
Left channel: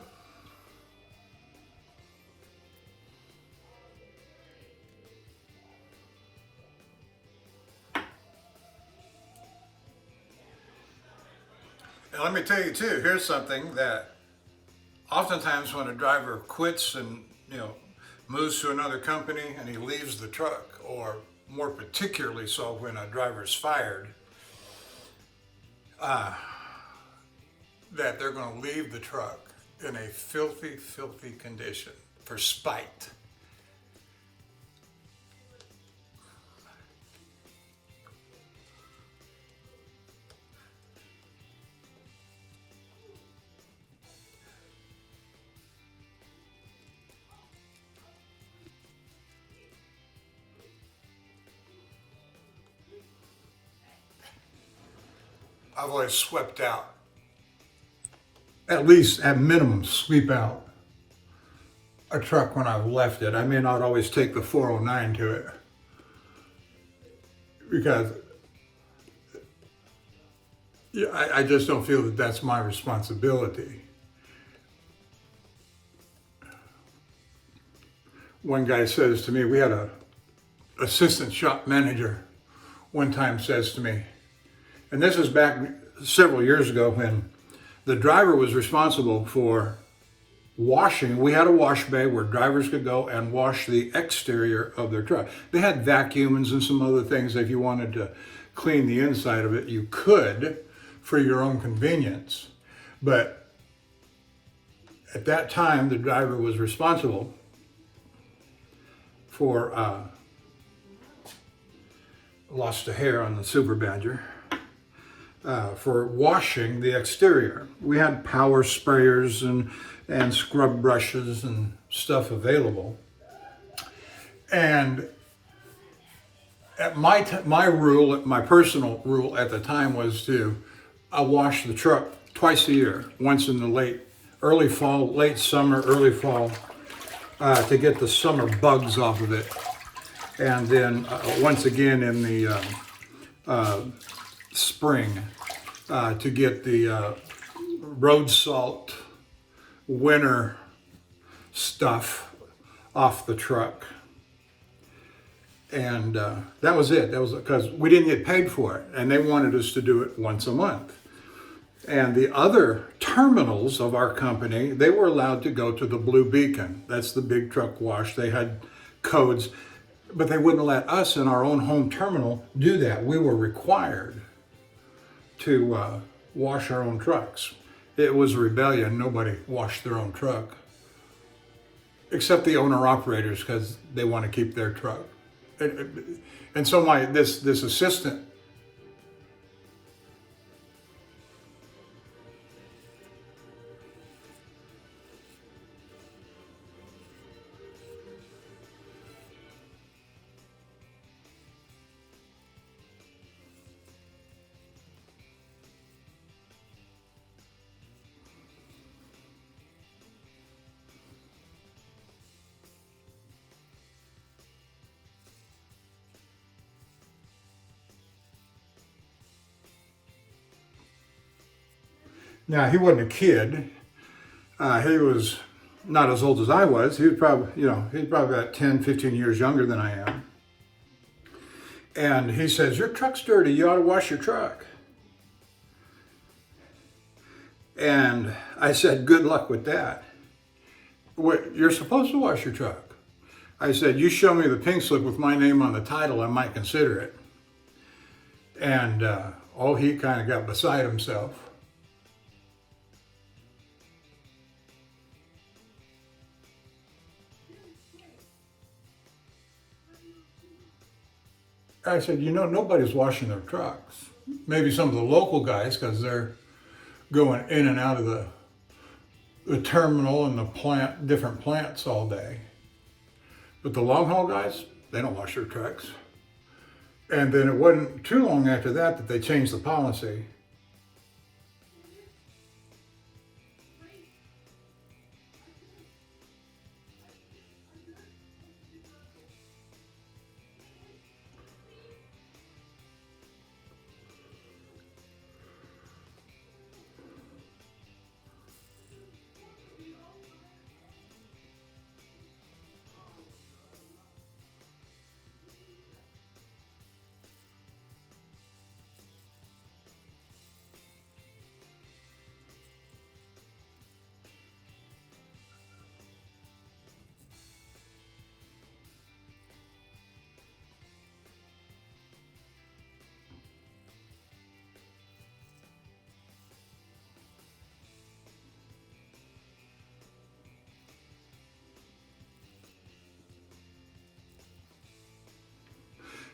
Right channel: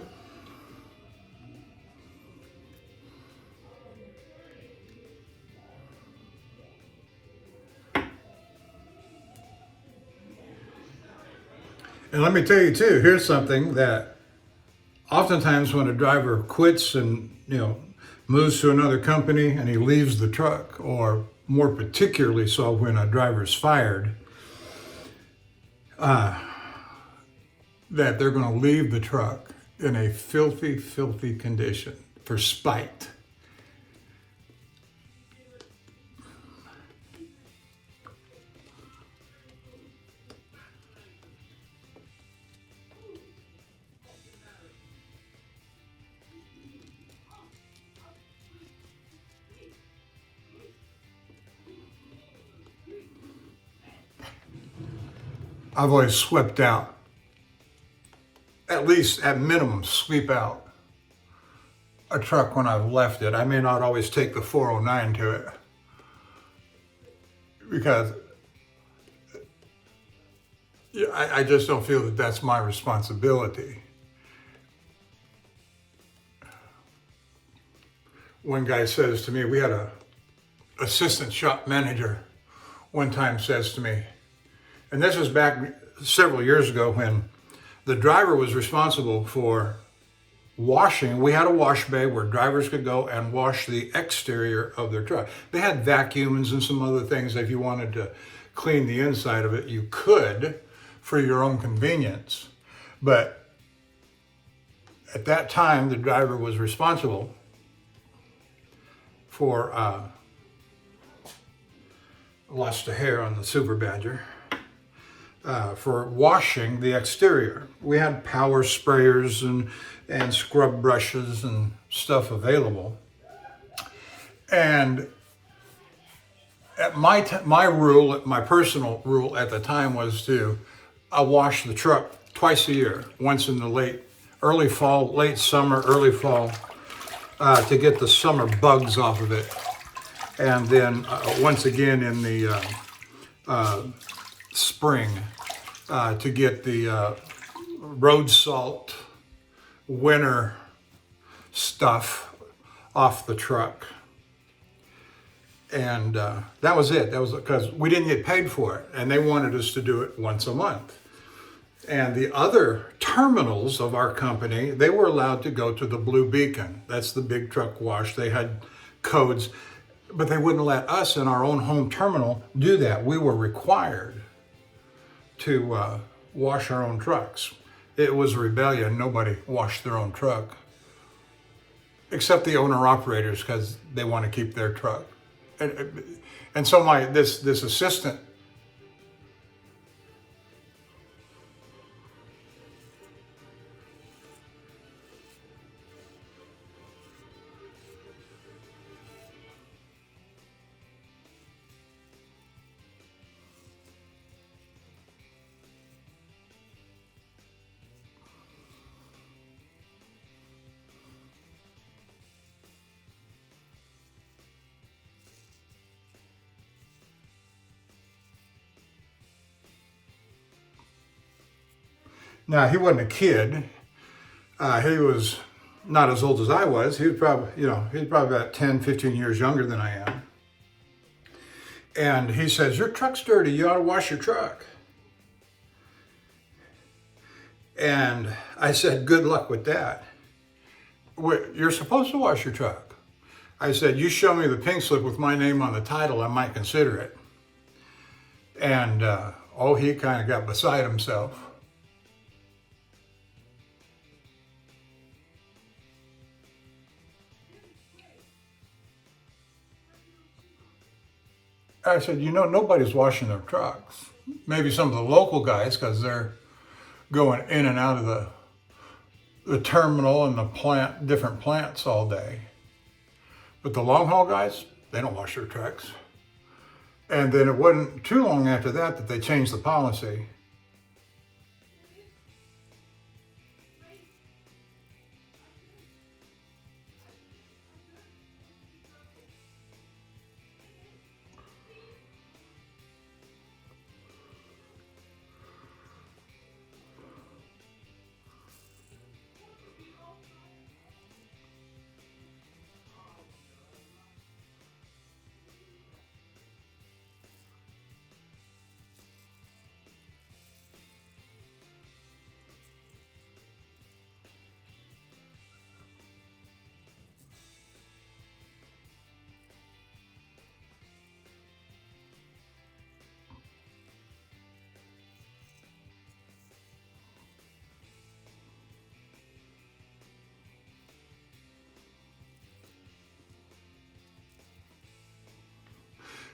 And let me tell you too, here's something that oftentimes when a driver quits and, you know, moves to another company and he leaves the truck, or more particularly so when a driver's fired, that they're going to leave the truck in a filthy, filthy condition for spite. I've always swept out, at least at minimum, sweep out a truck when I've left it. I may not always take the 409 to it, because I just don't feel that that's my responsibility. One guy says to me, we had a assistant shop manager one time says to me, and this was back several years ago when the driver was responsible for washing. We had a wash bay where drivers could go and wash the exterior of their truck. They had vacuums and some other things. If you wanted to clean the inside of it, you could for your own convenience. But at that time, the driver was responsible for, lost the hair on the Super Badger, for washing the exterior. We had power sprayers and scrub brushes and stuff available. And at my personal rule at the time was to wash the truck twice a year, once in the early fall, late summer, early fall, to get the summer bugs off of it. And then once again in the spring, to get the road salt winter stuff off the truck. And that was it. That was because we didn't get paid for it, and they wanted us to do it once a month. And the other terminals of our company, they were allowed to go to the Blue Beacon. That's the big truck wash. They had codes. But they wouldn't let us in our own home terminal do that. We were required to wash our own trucks. It was a rebellion. Nobody washed their own truck, except the owner-operators, because they want to keep their truck. And so this assistant, now he wasn't a kid. He was not as old as I was. He was probably, he's probably about 10, 15 years younger than I am. And he says, "Your truck's dirty, you ought to wash your truck." And I said, "Good luck with that. You're supposed to wash your truck." I said, "You show me the pink slip with my name on the title, I might consider it." And he kind of got beside himself. I said, nobody's washing their trucks. Maybe some of the local guys, because they're going in and out of the terminal and the plant, different plants all day. But the long haul guys, they don't wash their trucks. And then it wasn't too long after that they changed the policy.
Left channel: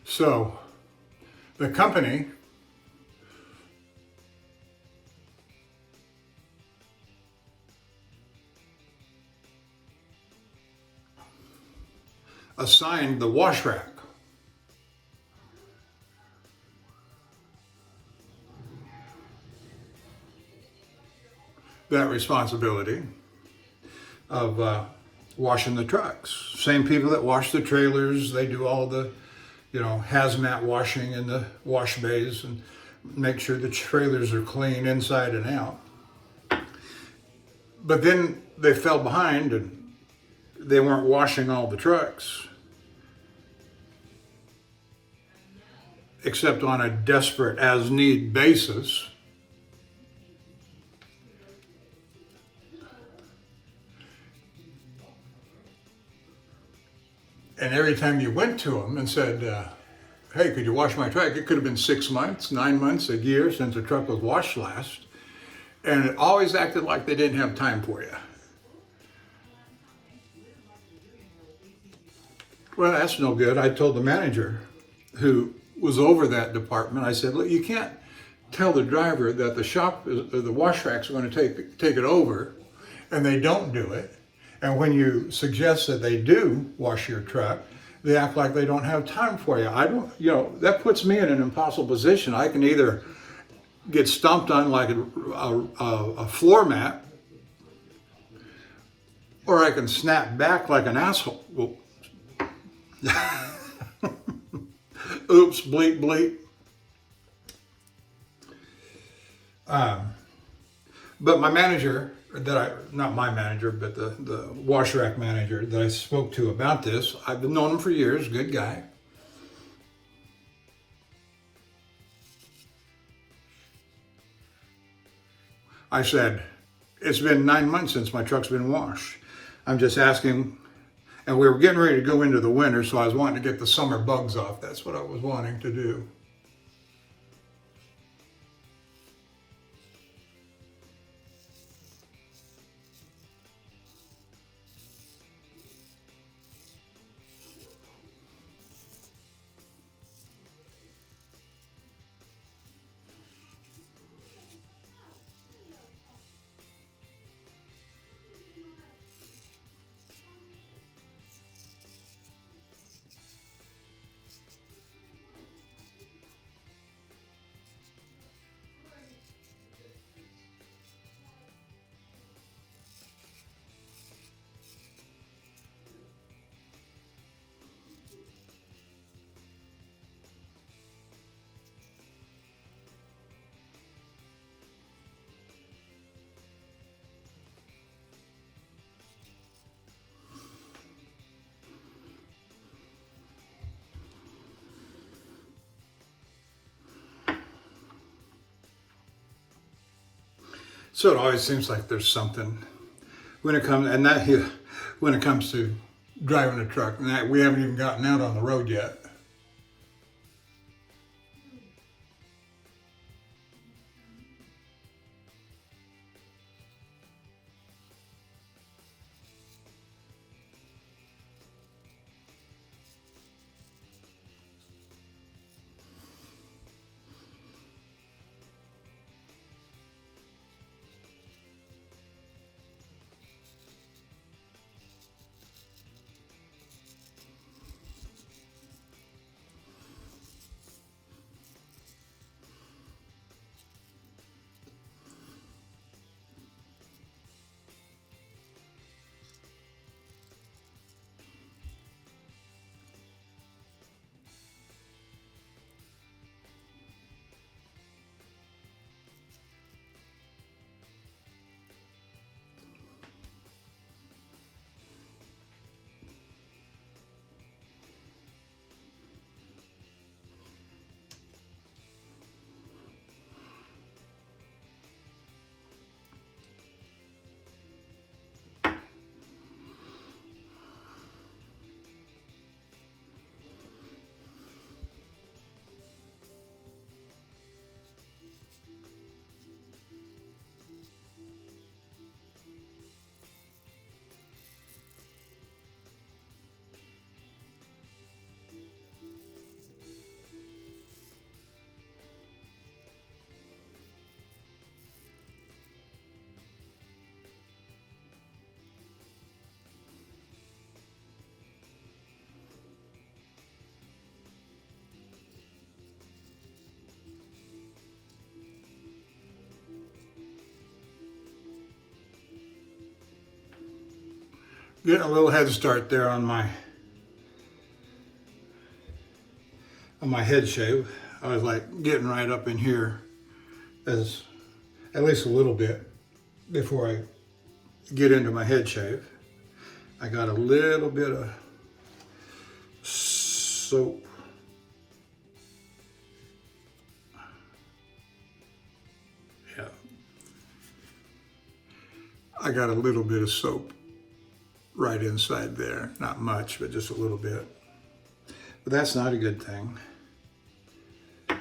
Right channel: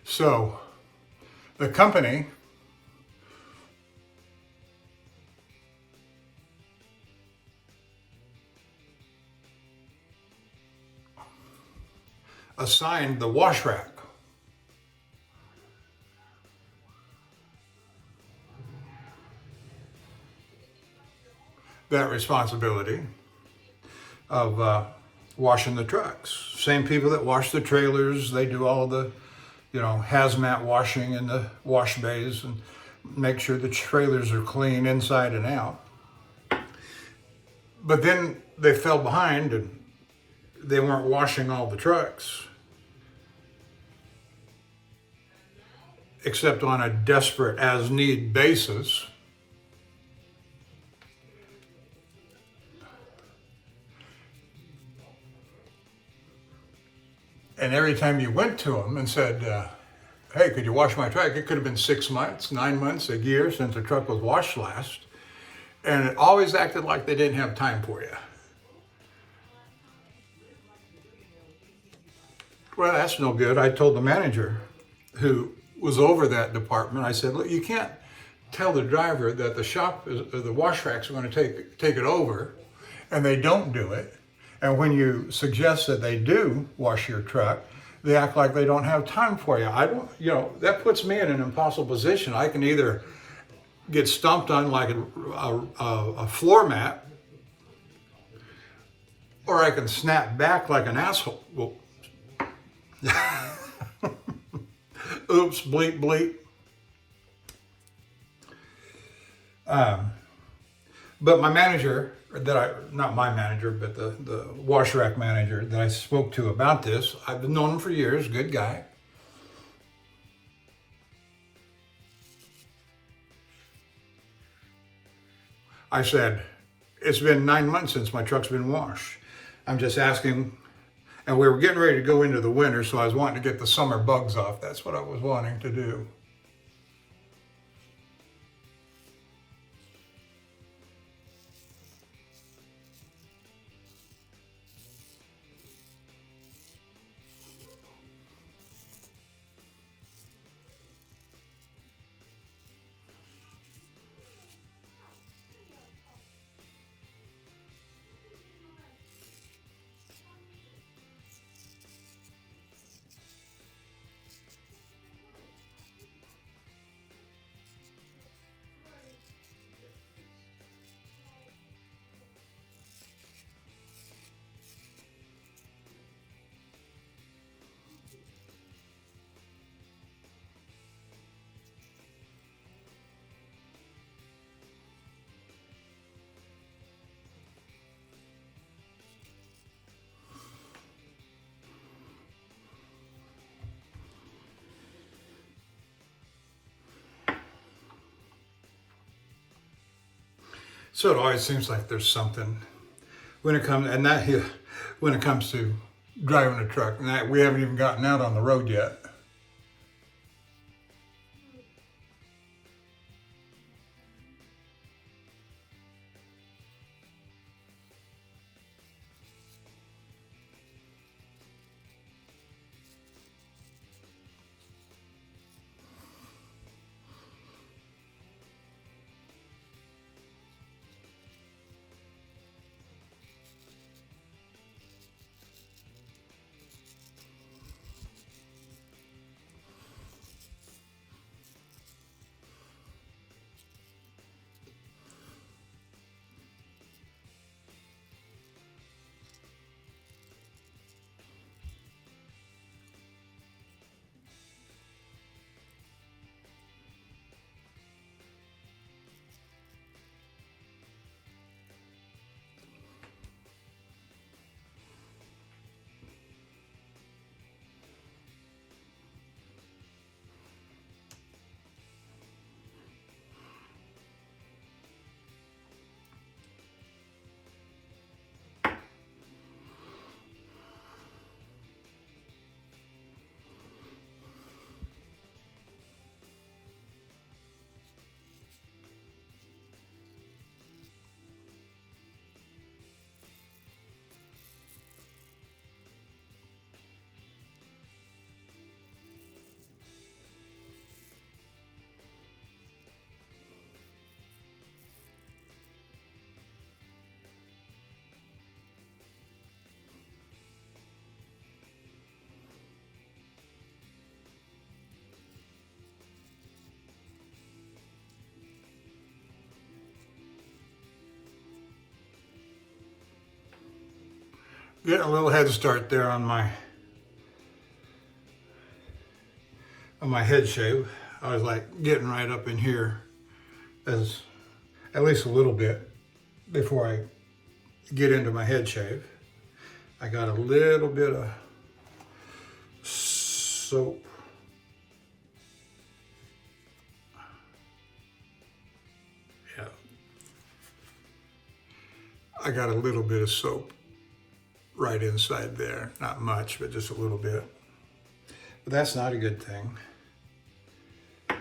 So the company assigned the wash rack. That responsibility of washing the trucks. Same people that wash the trailers, they do all the hazmat washing in the wash bays and make sure the trailers are clean inside and out. But then they fell behind and they weren't washing all the trucks, except on a desperate as-need basis. And every time you went to them and said, "Hey, could you wash my truck?" It could have been 6 months, 9 months, a year since the truck was washed last. And it always acted like they didn't have time for you. Well, that's no good. I told the manager who was over that department, I said, "Look, you can't tell the driver that the wash rack's going to take it over, and they don't do it. And when you suggest that they do wash your truck, they act like they don't have time for you." That puts me in an impossible position. I can either get stomped on like a floor mat, or I can snap back like an asshole. Well, oops, bleep, bleep. But my manager, not my manager, but the wash rack manager that I spoke to about this, I've known him for years, good guy. I said, "It's been 9 months since my truck's been washed. I'm just asking And we were getting ready to go into the winter, so I was wanting to get the summer bugs off. That's what I was wanting to do. So it always seems like there's something when it comes, and that here, when it comes to driving a truck, and that we haven't even gotten out on the road yet. Getting a little head start there on my head shave. I was like getting right up in here as at least a little bit before I get into my head shave. I got a little bit of soap. Yeah. I got a little bit of soap right inside there. Not much, but just a little bit. But that's not a good thing. All right.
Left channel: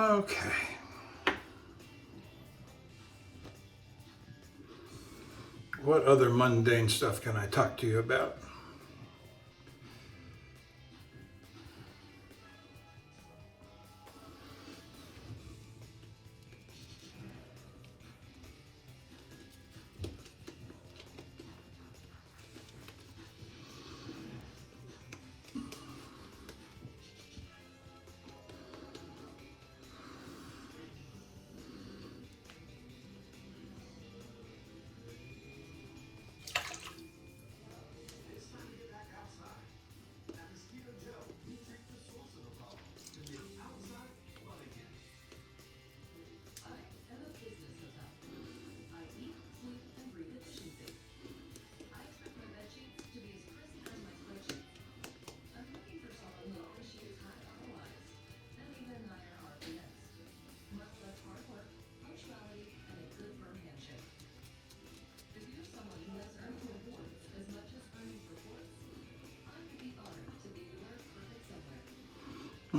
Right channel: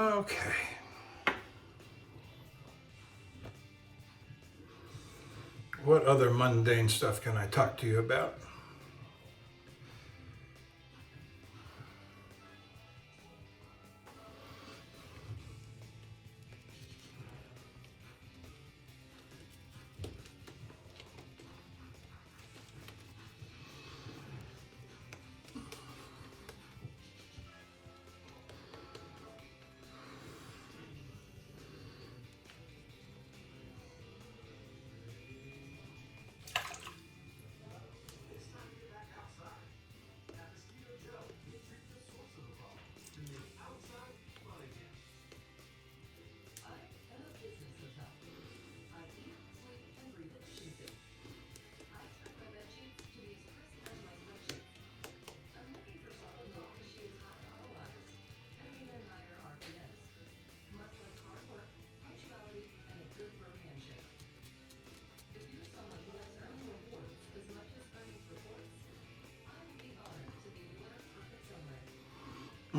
Okay. What other mundane stuff can I talk to you about?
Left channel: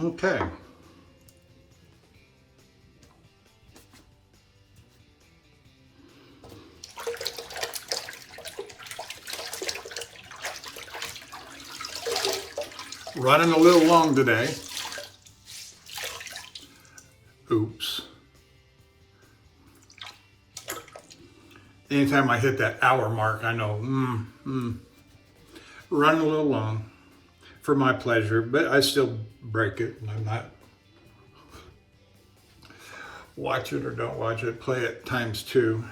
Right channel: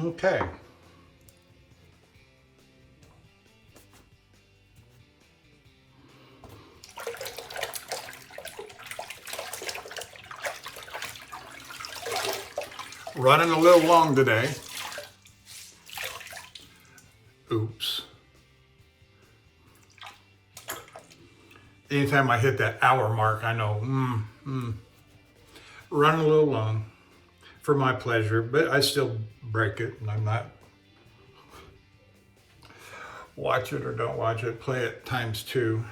Okay. Running a little long today. Oops. Anytime I hit that hour mark, I know, running a little long for my pleasure, but I still break it, and I'm not watch it or don't watch it, play it ×2.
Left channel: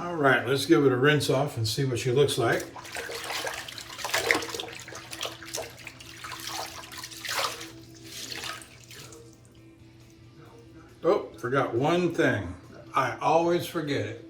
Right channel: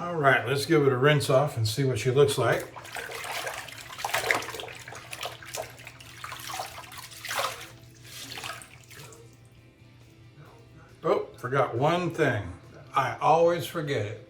All right, let's give it a rinse off and see what she looks like. Oh, forgot one thing. I always forget it.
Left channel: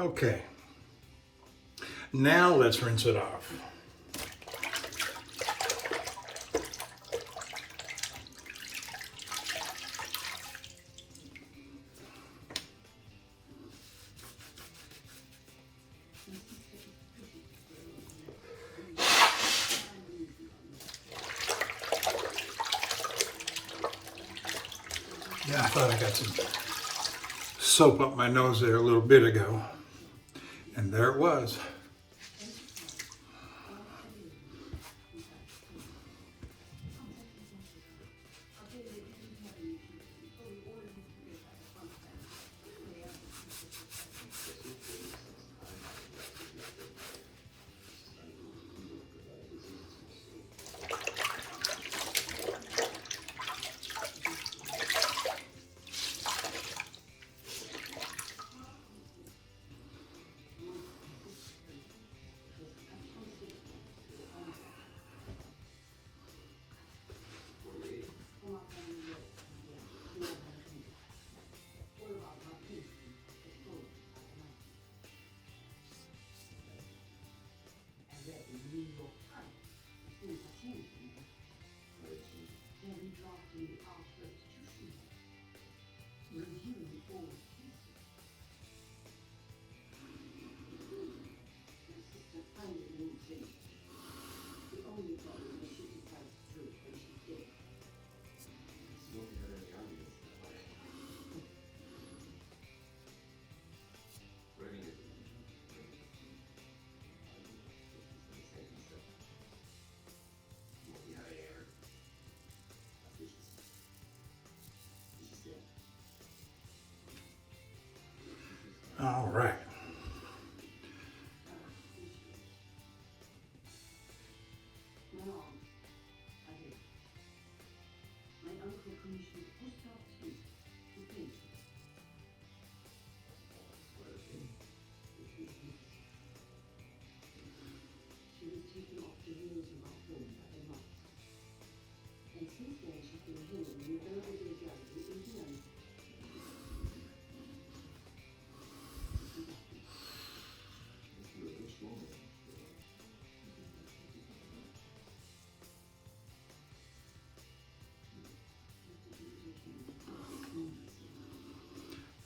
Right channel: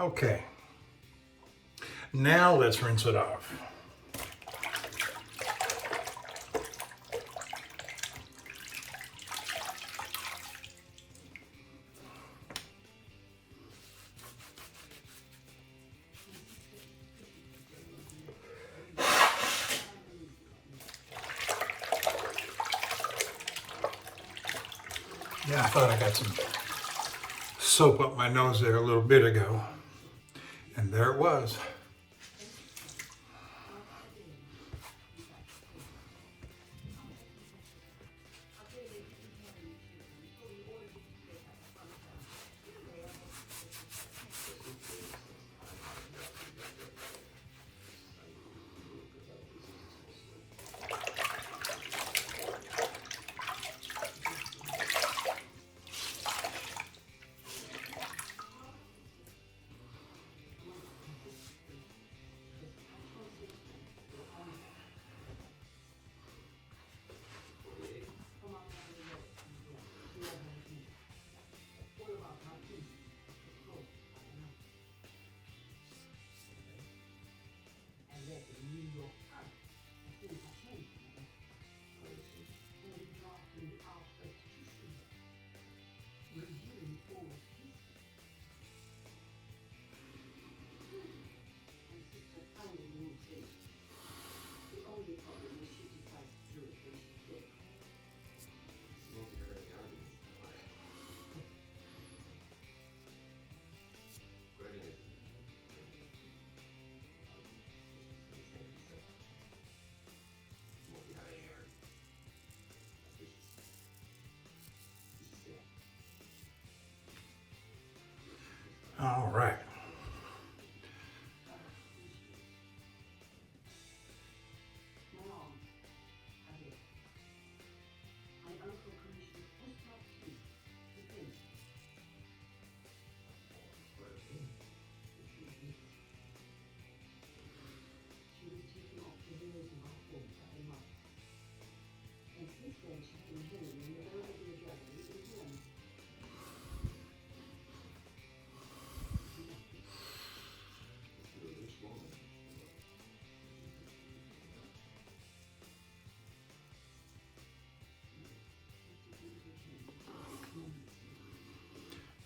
Okay, now let's rinse it off. Yeah, I thought I got some soap up my nose there a little bit ago. And there it was. All right.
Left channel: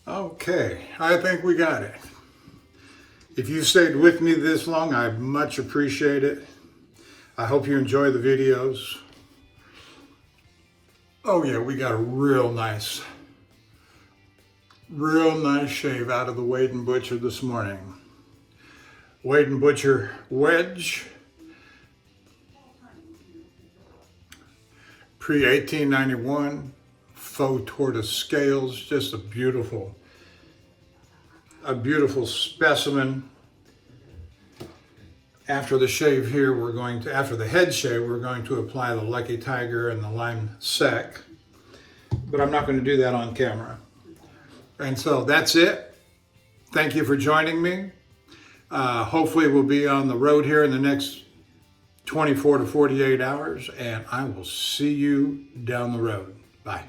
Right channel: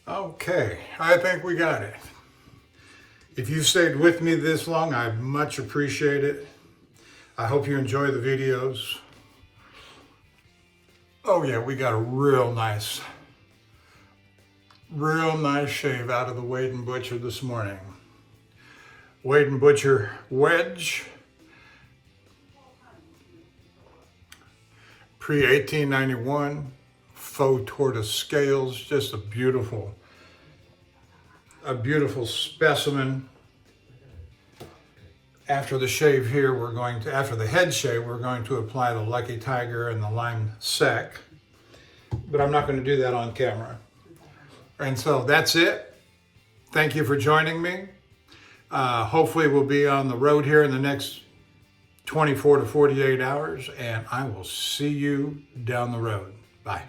Okay, I think we got it. If you stayed with me this long, I much appreciate it. I hope you enjoy the videos. Oh yeah, we got a real nice shave out of the Wade & Butcher this morning. Wade & Butcher wedge, pre-1891, faux tortoise scales, just a beautiful specimen. After the shave here, after the head shave, we're going to apply the Lucky Tiger and the Lime SEC, but I'm not going to do that on camera. And so that's it. Thank you for joining me. Hopefully we'll be on the road here in the next 24 to 48 hours, and I will see you down the road. Bye.